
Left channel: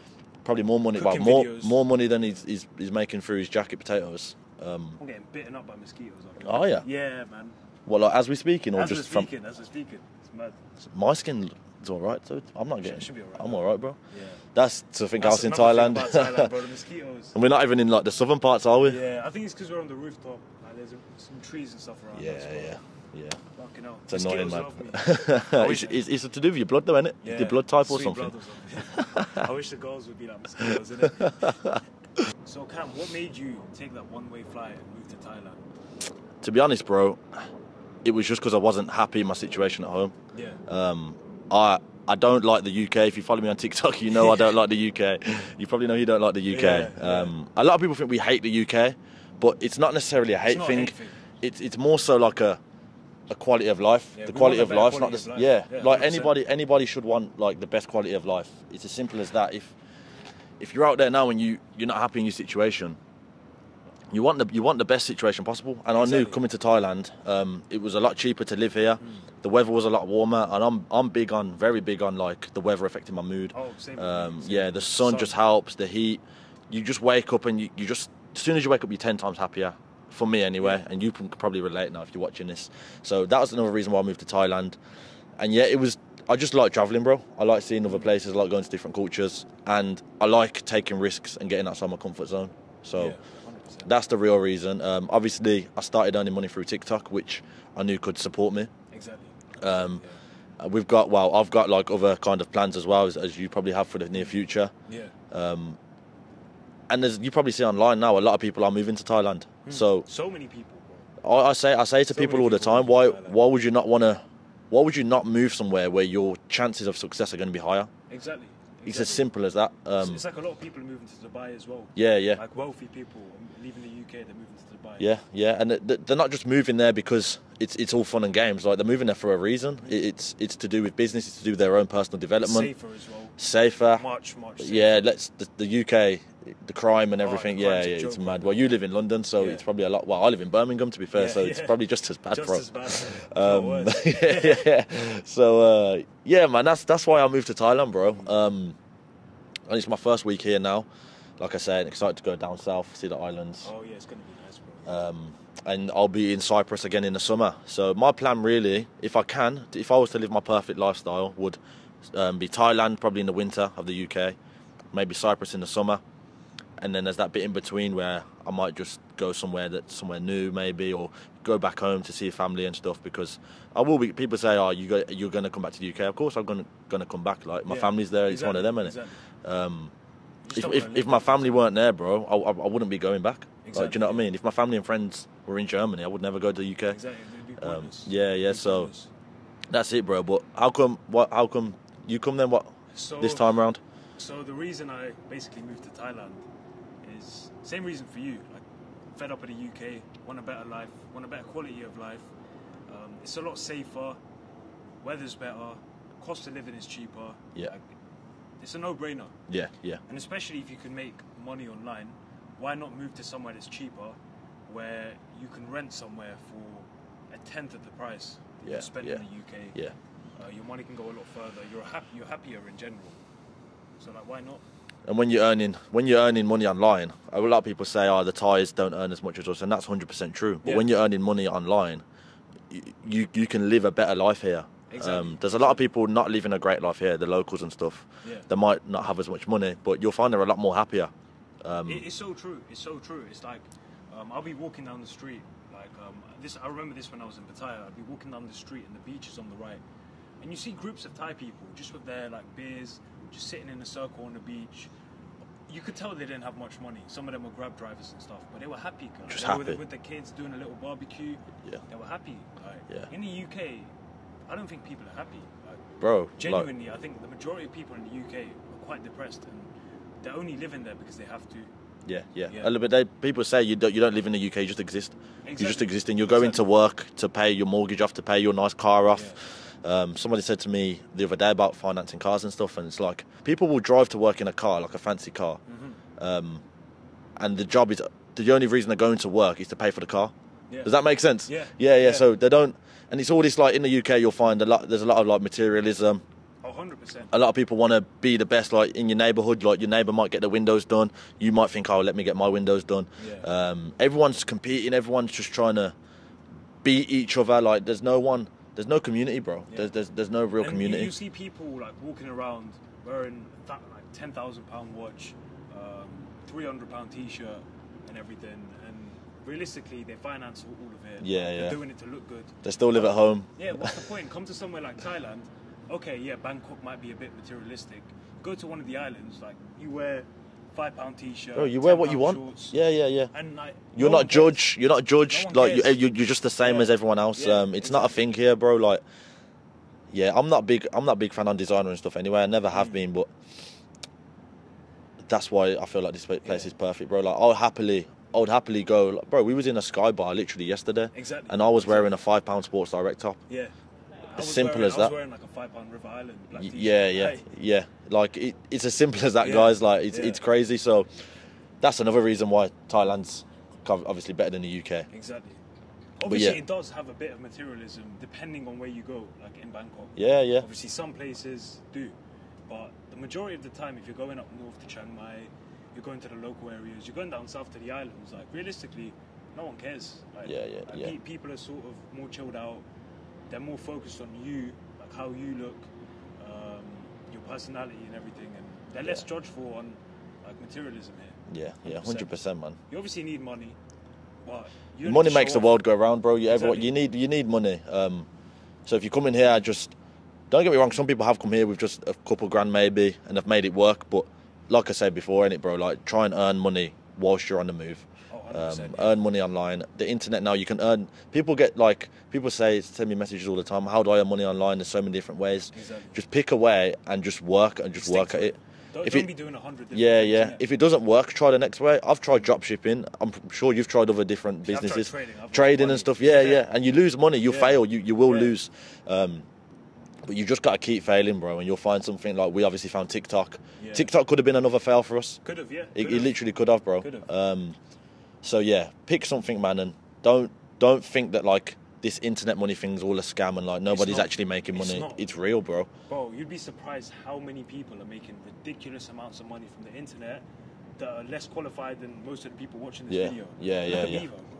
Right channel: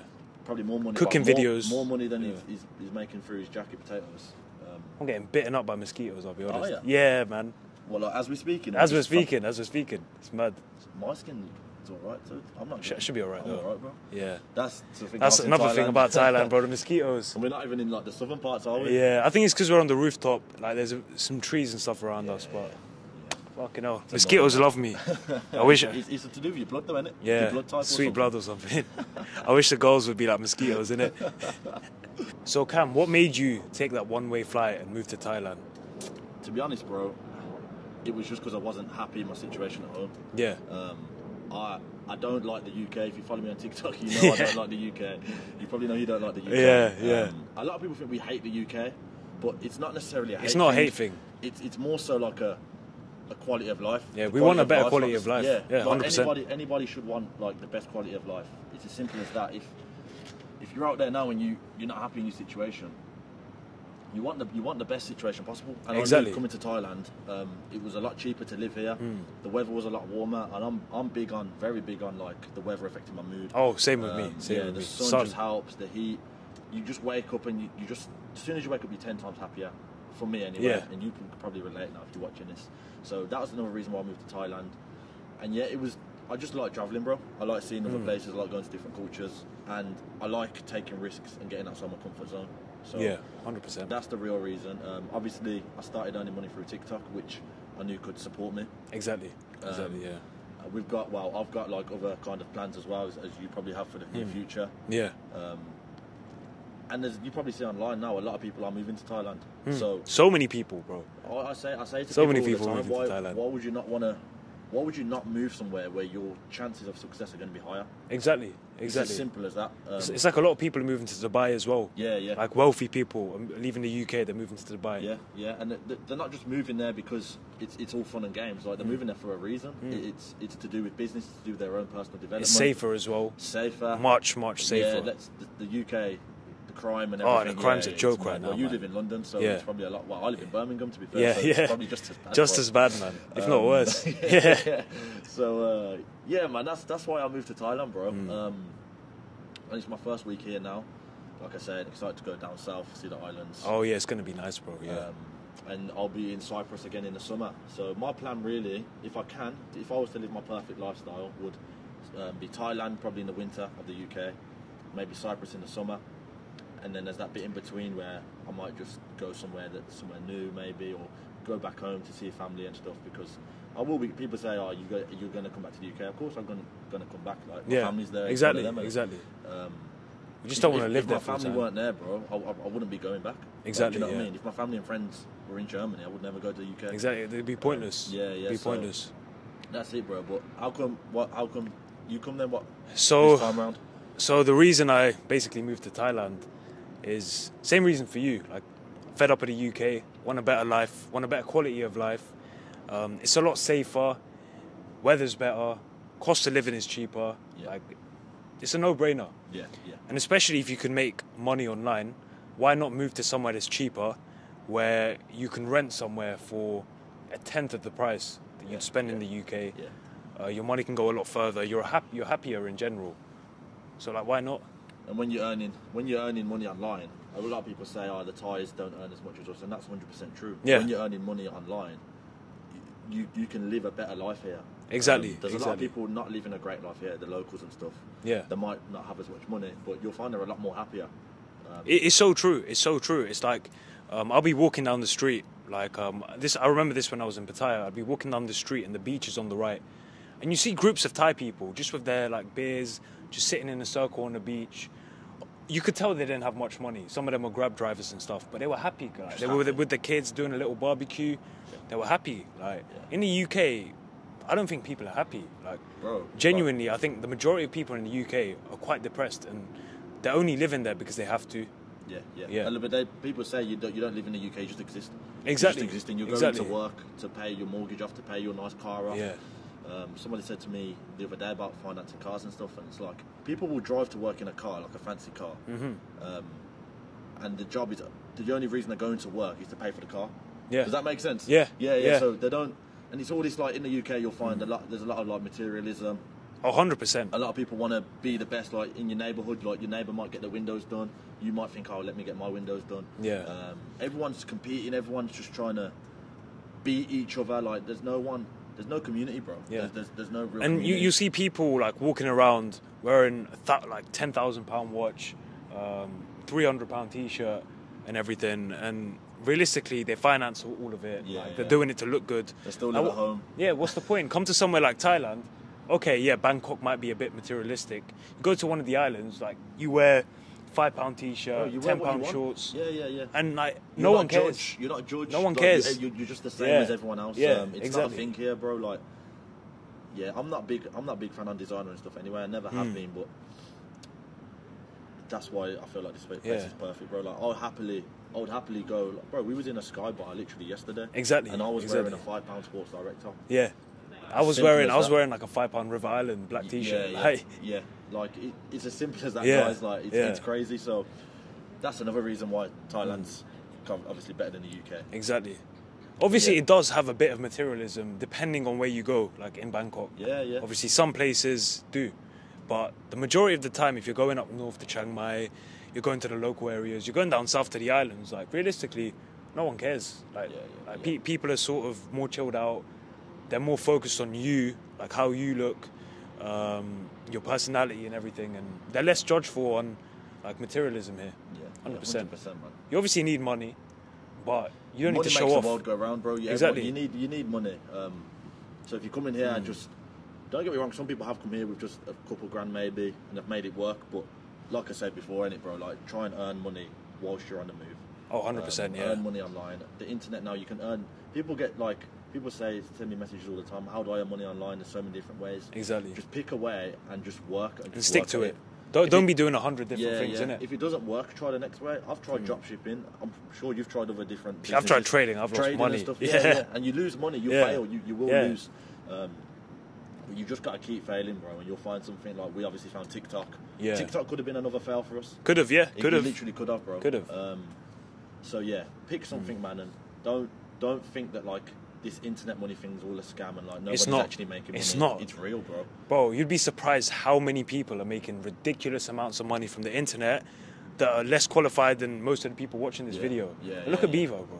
Probably more money, Cooking videos. more money than he's making through his jacket potatoes. I'm getting bitten up by mosquitoes. I'll be honest. Oh, yeah? Yeah, man. Well, like, as we're speaking, or As we're just from- speaking, it's mad. my skin is all right, so I'm not getting. Should be all right, I'm though. all right, bro. Yeah. That's something That's else in another thing Thailand. about Thailand, bro. The mosquitoes. And we're not even in like the southern parts, are we? Yeah, I think it's because we're on the rooftop. Like, there's some trees and stuff around us. But yeah. fucking hell, It's mosquitoes annoying, love me. I wish. it's to do with your blood, though, isn't it? Yeah, Your blood type or sweet something. blood or something. I wish the girls would be like mosquitoes, innit? So Cam, what made you take that one-way flight and move to Thailand? To be honest, bro, it was just because I wasn't happy in my situation at home. Yeah. I don't like the UK. If you follow me on TikTok, you know I don't like the UK. You probably know you don't like the UK. Yeah. A lot of people think we hate the UK, but it's not necessarily a hate It's not thing. a hate thing. It's more so like a quality of life. Yeah, The we want a better life, quality like, of life. Yeah, Yeah, like 100%. anybody should want like the best quality of life. It's as simple as that. If you're out there now and you're not happy in your situation, you want the best situation possible. And I Exactly. knew coming to Thailand, it was a lot cheaper to live here. The weather was a lot warmer, and I'm very big on like the weather affecting my mood. Oh, same with me. Same Yeah, with the me. sun just helps. The heat, you just wake up and you just as soon as you wake up, you're 10 times happier. For me, anyway, Yeah. and you can probably relate now if you're watching this. So that was another reason why I moved to Thailand. And yeah, I just like traveling, bro. I like seeing other places. I like going to different cultures, and I like taking risks and getting outside my comfort zone. So Yeah, 100%. that's the real reason. Obviously, I started earning money through TikTok, which I knew could support me. Exactly. I've got like other kind of plans as well, as you probably have for the near future. Yeah. And as you probably see online now, a lot of people are moving to Thailand. So many people, bro. I say to So people many all the people time, moving to Thailand. why would you not want to? Why would you not move somewhere where your chances of success are going to be higher? Exactly. It's as simple as that. It's like a lot of people are moving to Dubai as well. Yeah. Like wealthy people are leaving the UK, they're moving to Dubai. Yeah, and they're not just moving there because it's all fun and games. Like, they're moving there for a reason. It's to do with business. It's to do with their own personal development. Safer as well. Safer. Much safer. Yeah, the UK, the crime and everything. The crime's a it's joke mad. right now, well, you live in London, so it's probably a lot. Well, I live in Birmingham, to be fair, so it's probably just as bad. Just as bad, man. If not worse. Yeah. So man, that's why I moved to Thailand, bro. And it's my first week here now. Like I said, excited to go down south, see the islands. Oh yeah, it's gonna be nice, bro. Yeah. And I'll be in Cyprus again in the summer. So my plan, really, if I was to live my perfect lifestyle, would be Thailand probably in the winter of the UK, maybe Cyprus in the summer, and then there's that bit in between where I might just go somewhere new, maybe, or go back home to see family and stuff. Because I will be. People say, "Oh, you're going to come back to the UK." Of course, I'm going to come back. Like, my family's there. Exactly, it's one of them. Exactly. You just don't want to live if my family weren't there, bro, I wouldn't be going back. Exactly. Like, do you know what I mean? If my family and friends were in Germany, I would never go to the UK. Exactly. They'd be pointless. So pointless. That's it, bro. But how come you come then? This time around? So the reason I basically moved to Thailand is same reason for you. Like, fed up with the UK, want a better life, want a better quality of life. It's a lot safer, weather's better, cost of living is cheaper. Yeah. Like, it's a no-brainer. Yeah. And especially if you can make money online, why not move to somewhere that's cheaper, where you can rent somewhere for a tenth of the price that you spend in the UK. Yeah. Your money can go a lot further. You're happier in general. So, like, why not? And when you're earning money online, a lot of people say, "Oh, the Thais don't earn as much as us," and that's 100% true. But when you're earning money online, you can live a better life here. Exactly. There's a lot of people not living a great life here, the locals and stuff. Yeah. They might not have as much money, but you'll find they're a lot more happier. It's so true. It's so true. It's like, I'll be walking down the street. Like, I remember this when I was in Pattaya. I'd be walking down the street and the beach is on the right. And you see groups of Thai people just with their, like, beers, just sitting in a circle on the beach. You could tell they didn't have much money. Some of them were Grab drivers and stuff, but they were happy, guys. They were with the kids doing a little barbecue. Yeah. They were happy. Like, in the UK, I don't think people are happy. Like, bro, genuinely, I think the majority of people in the UK are quite depressed, and they're only living there because they have to. Yeah. A little bit. People say you don't live in the UK, you just exist. Exactly. You just exist, and you're going to work to pay your mortgage off, to pay your nice car off. Yeah. Somebody said to me the other day about financing cars and stuff, and it's like, people will drive to work in a car, like a fancy car, and the only reason they're going to work is to pay for the car. Yeah. Does that make sense? Yeah. So they don't, and it's all this, like, in the UK you'll find there's a lot of, like, materialism. 100%. A lot of people want to be the best, like, in your neighbourhood. Like, your neighbour might get the windows done, you might think, "Oh, let me get my windows done." Everyone's competing, everyone's just trying to beat each other. Like, there's no community, bro. There's no real community. And you see people, like, walking around wearing like £10,000 watch, £300 t-shirt and everything, and realistically they finance all of it. They're doing it to look good. They still live at home. Yeah, what's the point? Come to somewhere like Thailand. Okay, yeah, Bangkok might be a bit materialistic. You go to one of the islands, like, you wear £5 t-shirt. Oh, you wear what you want. Shorts, Yeah. And, like, you're not judged. You're not judged. No one like, cares. you're just the same as everyone else. It's not a thing here, bro. Like, I'm not big fan on designer and stuff anyway. I never have been, but that's why I feel like this place is perfect, bro. Like, I would happily go. Like, bro, we was in a Sky Bar literally yesterday. Exactly. And I was wearing a £5 Sports Direct top. Yeah. I was wearing like a £5 River Island black t-shirt. Yeah. Like, it's as simple as that, guys. Like, it's crazy. So that's another reason why Thailand's obviously better than the UK. Exactly. Obviously, it does have a bit of materialism depending on where you go, like in Bangkok. Yeah. Obviously, some places do. But the majority of the time, if you're going up north to Chiang Mai, you're going to the local areas, you're going down south to the islands, like, realistically, no one cares. Like, people are sort of more chilled out. They're more focused on you, like how you look, your personality and everything, and they're less judgeful on, like, materialism here. Yeah, 100%, man. You obviously need money, but you don't money need to makes show the world go round, bro. Exactly. You need money. So if you come in here, just don't get me wrong. Some people have come here with just a couple grand maybe, and have made it work. But like I said before, innit, bro? Like, try and earn money whilst you're on the move. Oh, 100%. Earn money online. The internet now, you can earn. People send me messages all the time. How do I earn money online? There's so many different ways. Exactly. Just pick a way and just work and just work at it. Don't be doing 100 different things. Yeah. If it doesn't work, try the next way. I've tried drop shipping. I'm sure you've tried other different businesses. I've tried trading. Trading and stuff. Yeah. And you lose money. You fail. You will lose. But you just got to keep failing, bro, and you'll find something. Like, we obviously found TikTok. Yeah. TikTok could have been another fail for us. Could have, yeah. It literally could have, bro. Could have. So yeah, pick something, man, and don't think that like this internet money thing's all a scam and like nobody's actually making money. It's not. It's real, bro. Bro, you'd be surprised how many people are making ridiculous amounts of money from the internet that are less qualified than most of the people watching this video. Look at Bevo, bro.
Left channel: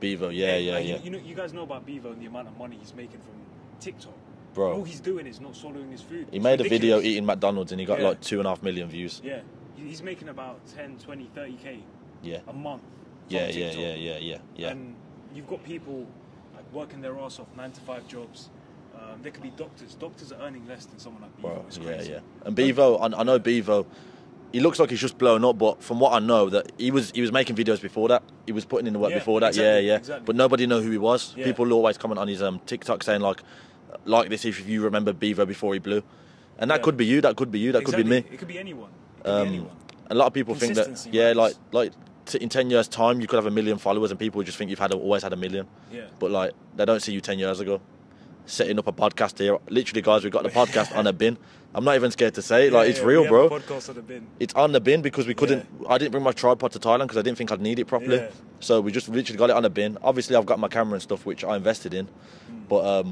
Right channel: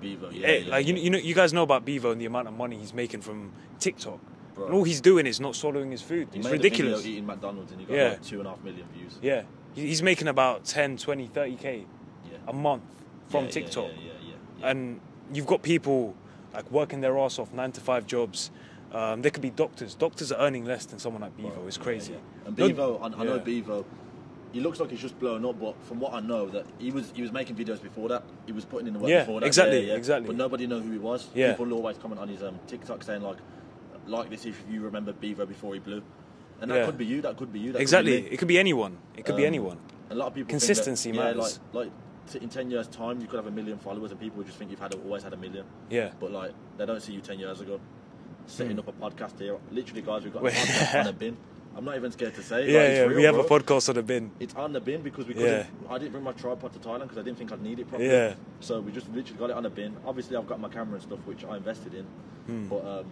Bevo, You guys know about Bevo and the amount of money he's making from TikTok. Bro. And all he's doing is not swallowing his food. He made a video eating McDonald's and he got like 2.5 million views. Yeah. He's making about 10, 20, 30K a month from TikTok. Yeah. And you've got people like working their ass off, 9-to-5 jobs. They could be doctors. Doctors are earning less than someone like Bevo. It's crazy. And Bevo, I know Bevo. He looks like he's just blown up, but from what I know, that he was making videos before that. He was putting in the work before that. Exactly. But nobody knew who he was. People always comment on his TikTok saying like this if you remember Bevo before he blew, and that could be you. That could be you. That could be me. It could be anyone. It could be anyone. A lot of people think that like in 10 years' time you could have 1 million followers, and people just think you've always had 1 million. Yeah. But like they don't see you 10 years ago, setting up a podcast here. Literally, guys, we've got the podcast on a bin. I'm not even scared to say it. It's real, bro. We have a podcast on a bin. It's on the bin because we couldn't. I didn't bring my tripod to Thailand because I didn't think I'd need it properly. Yeah. So we just literally got it on a bin. Obviously, I've got my camera and stuff which I invested in, but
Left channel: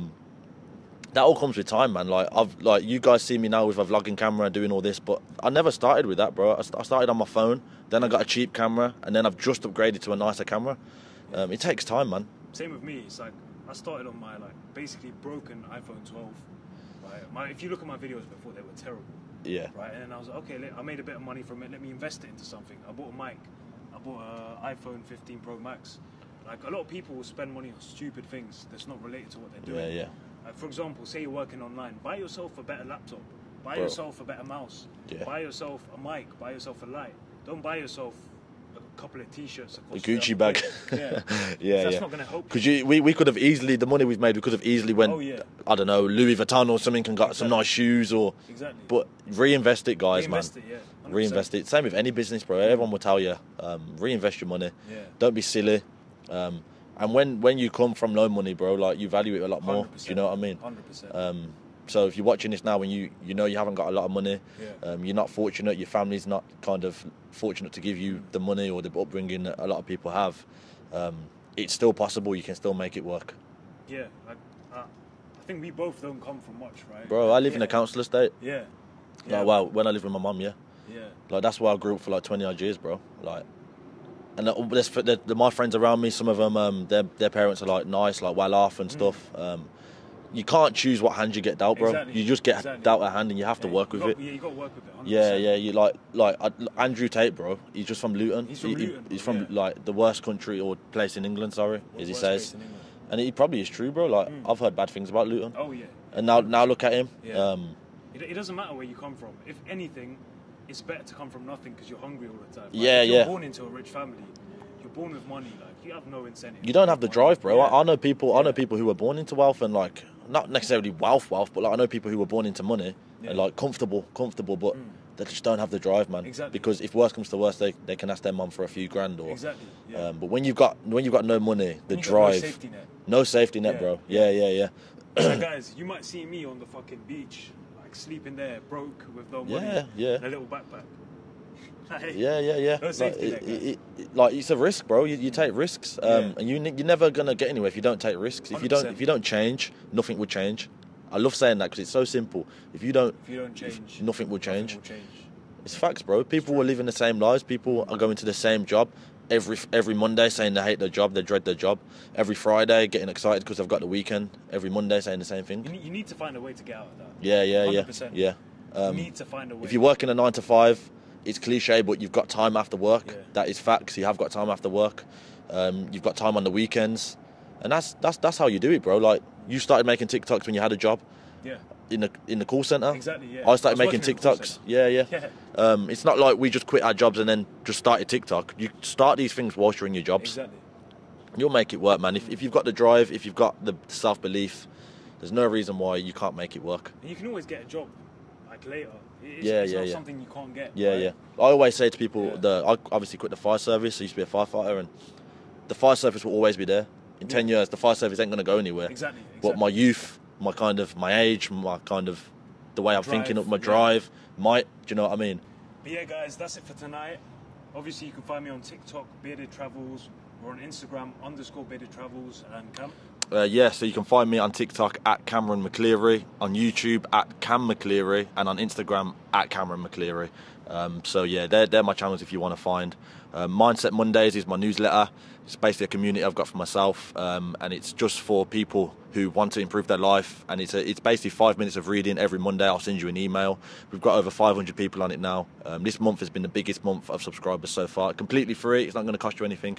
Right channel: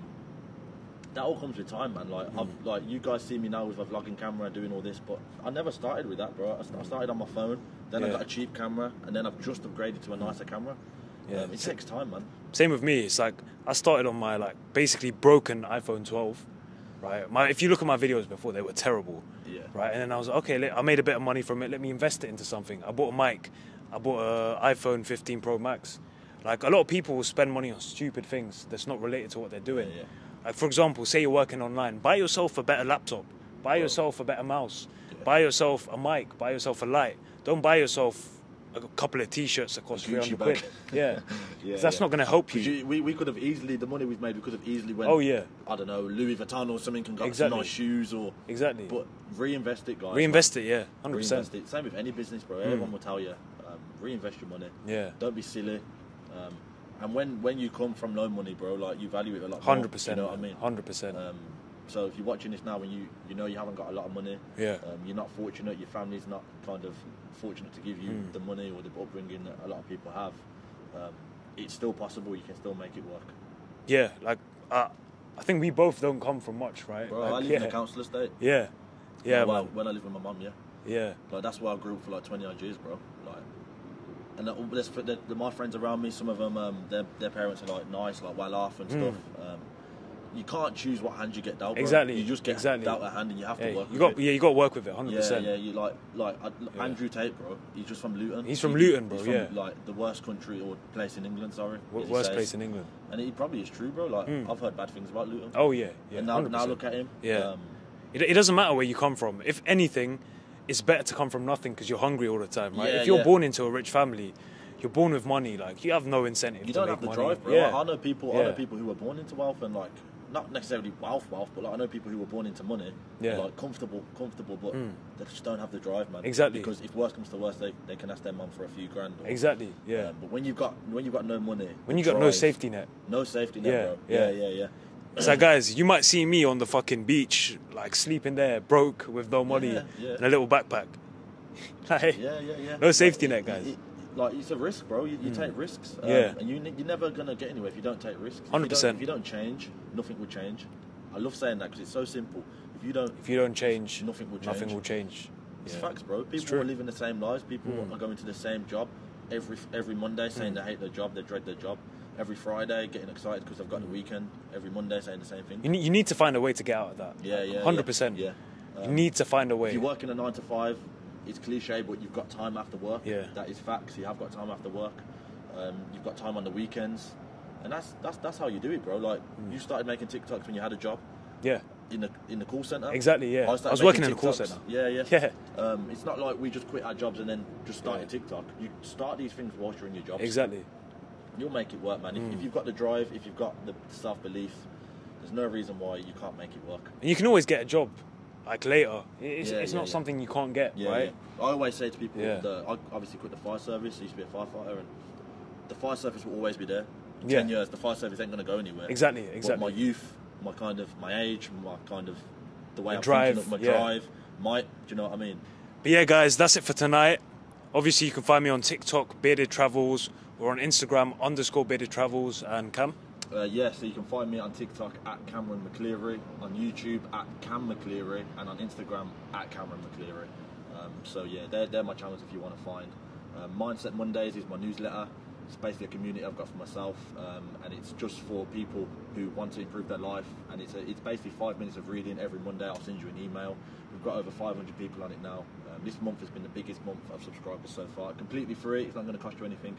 that all comes with time, man. Like you guys see me now with a vlogging camera and doing all this, but I never started with that, bro. I started on my phone, then I got a cheap camera, and then I've just upgraded to a nicer camera. It takes time, man. Same with me. It's like I started on my basically broken iPhone 12. Right. If you look at my videos before, they were terrible. Yeah. Right. And then I was like, okay, I made a bit of money from it. Let me invest it into something. I bought a mic. I bought an iPhone 15 Pro Max. Like, a lot of people will spend money on stupid things that's not related to what they're doing. Yeah. Like, for example, say you're working online. Buy yourself a better laptop. Buy yourself a better mouse. Yeah. Buy yourself a mic. Buy yourself a light. Don't buy yourself a couple of T-shirts that cost Gucci bag. That's not going to help you. Because we could have easily, the money we've made, we could have easily went, I don't know, Louis Vuitton or something and got some nice shoes or... Exactly. But reinvest it, guys. Reinvest it, yeah. 100%. Reinvest it. Same with any business, bro. Everyone will tell you, reinvest your money. Yeah. Don't be silly. And when you come from no money, bro, like, you value it a lot more. 100%. You know what I mean? 100%. So if you're watching this now and you know you haven't got a lot of money, you're not fortunate, your family's not kind of fortunate to give you the money or the upbringing that a lot of people have, it's still possible. You can still make it work. Yeah, like, I think we both don't come from much, right? Bro, I live in a council estate. Yeah. Oh, well, when I lived with my mum, Yeah. Like, that's why I grew up for like 20 odd years, bro. Like, and my friends around me, some of them, their parents are like nice, like well off and stuff. You can't choose what hand you get dealt, bro. Exactly. You just get dealt a hand and you have to work with it. Yeah, you got to work with it, 100%. Yeah. You like Andrew Tate, bro. He's just from Luton. He's from Luton, bro. He's from like the worst country or place in England. Sorry, as he says. Place in England. And he probably is true, bro. Like I've heard bad things about Luton. Oh yeah. And now look at him. Yeah. It doesn't matter where you come from. If anything, it's better to come from nothing because you're hungry all the time. Right? Yeah, if you're born into a rich family, you're born with money. Like, you have no incentive. You don't have the drive, bro. Yeah. I know people. I know people who were born into wealth and like not necessarily wealth, but like I know people who were born into money. Yeah. And, like comfortable, but they just don't have the drive, man. Exactly. Because if worst comes to worst, they can ask their mum for a few grand. Or, exactly. Yeah. But when you've got no money, when you drive, got no safety net. No safety net, bro. Yeah. It's like, guys, you might see me on the fucking beach, like sleeping there, broke with no money, and a little backpack. Yeah. No safety net, guys. Like, it's a risk, bro. You take risks, and you're never gonna get anywhere if you don't take risks. If you don't change, nothing will change. I love saying that because it's so simple. If you don't change, nothing will change. Nothing will change. It's facts, bro. People are living the same lives. People are going to the same job every Monday, saying they hate their job, they dread their job. Every Friday, getting excited because they've got the weekend. Every Monday, saying the same thing. You need to find a way to get out of that. Yeah. 100%. Yeah. You need to find a way. If you work in a 9 to 5, it's cliche, but you've got time after work. Yeah. That is facts. You have got time after work. You've got time on the weekends, and that's how you do it, bro. Like, you started making TikToks when you had a job. Yeah. in the call center. Exactly, yeah. I started making working in a call TikToks. center. Yeah. It's not like we just quit our jobs and then just started TikTok. You start these things whilst you're in your jobs. Exactly. You'll make it work, man. If you've got the drive, if you've got the self-belief, there's no reason why you can't make it work. And you can always get a job, like later. It's not something you can't get. Yeah, right? yeah. I always say to people, I obviously quit the fire service. I used to be a firefighter, and the fire service will always be there. In 10 years, the fire service ain't going to go anywhere. Exactly. But my youth, my age, the way I'm thinking, my drive, do you know what I mean? But yeah, guys, that's it for tonight. Obviously, you can find me on TikTok, Bearded Travels, or on Instagram, _Bearded Travels, and Cam. So you can find me on TikTok at Cameron McCleary, on YouTube at Cam McCleary, and on Instagram at Cameron McCleary. They're my channels if you want to find. Mindset Mondays is my newsletter. It's basically a community I've got for myself, and it's just for people who want to improve their life. And it's basically 5 minutes of reading every Monday. I'll send you an email. We've got over 500 people on it now. This month has been the biggest month of subscribers so far. Completely free. It's not going to cost you anything.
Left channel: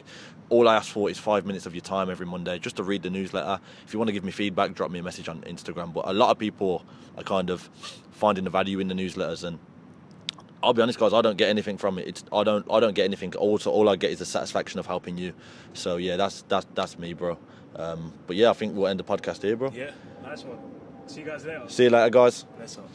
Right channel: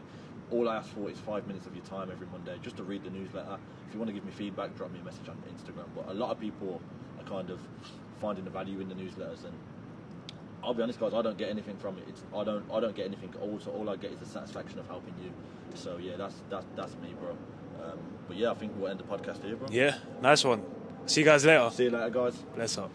All I ask for is 5 minutes of your time every Monday just to read the newsletter. If you want to give me feedback, drop me a message on Instagram. But a lot of people are kind of finding the value in the newsletters, and I'll be honest, guys, I don't get anything from it. I don't get anything. Also, all I get is the satisfaction of helping you. So yeah, that's me, bro. But yeah, I think we'll end the podcast here, bro. Yeah, nice one. See you guys later. See you later, guys. Bless up.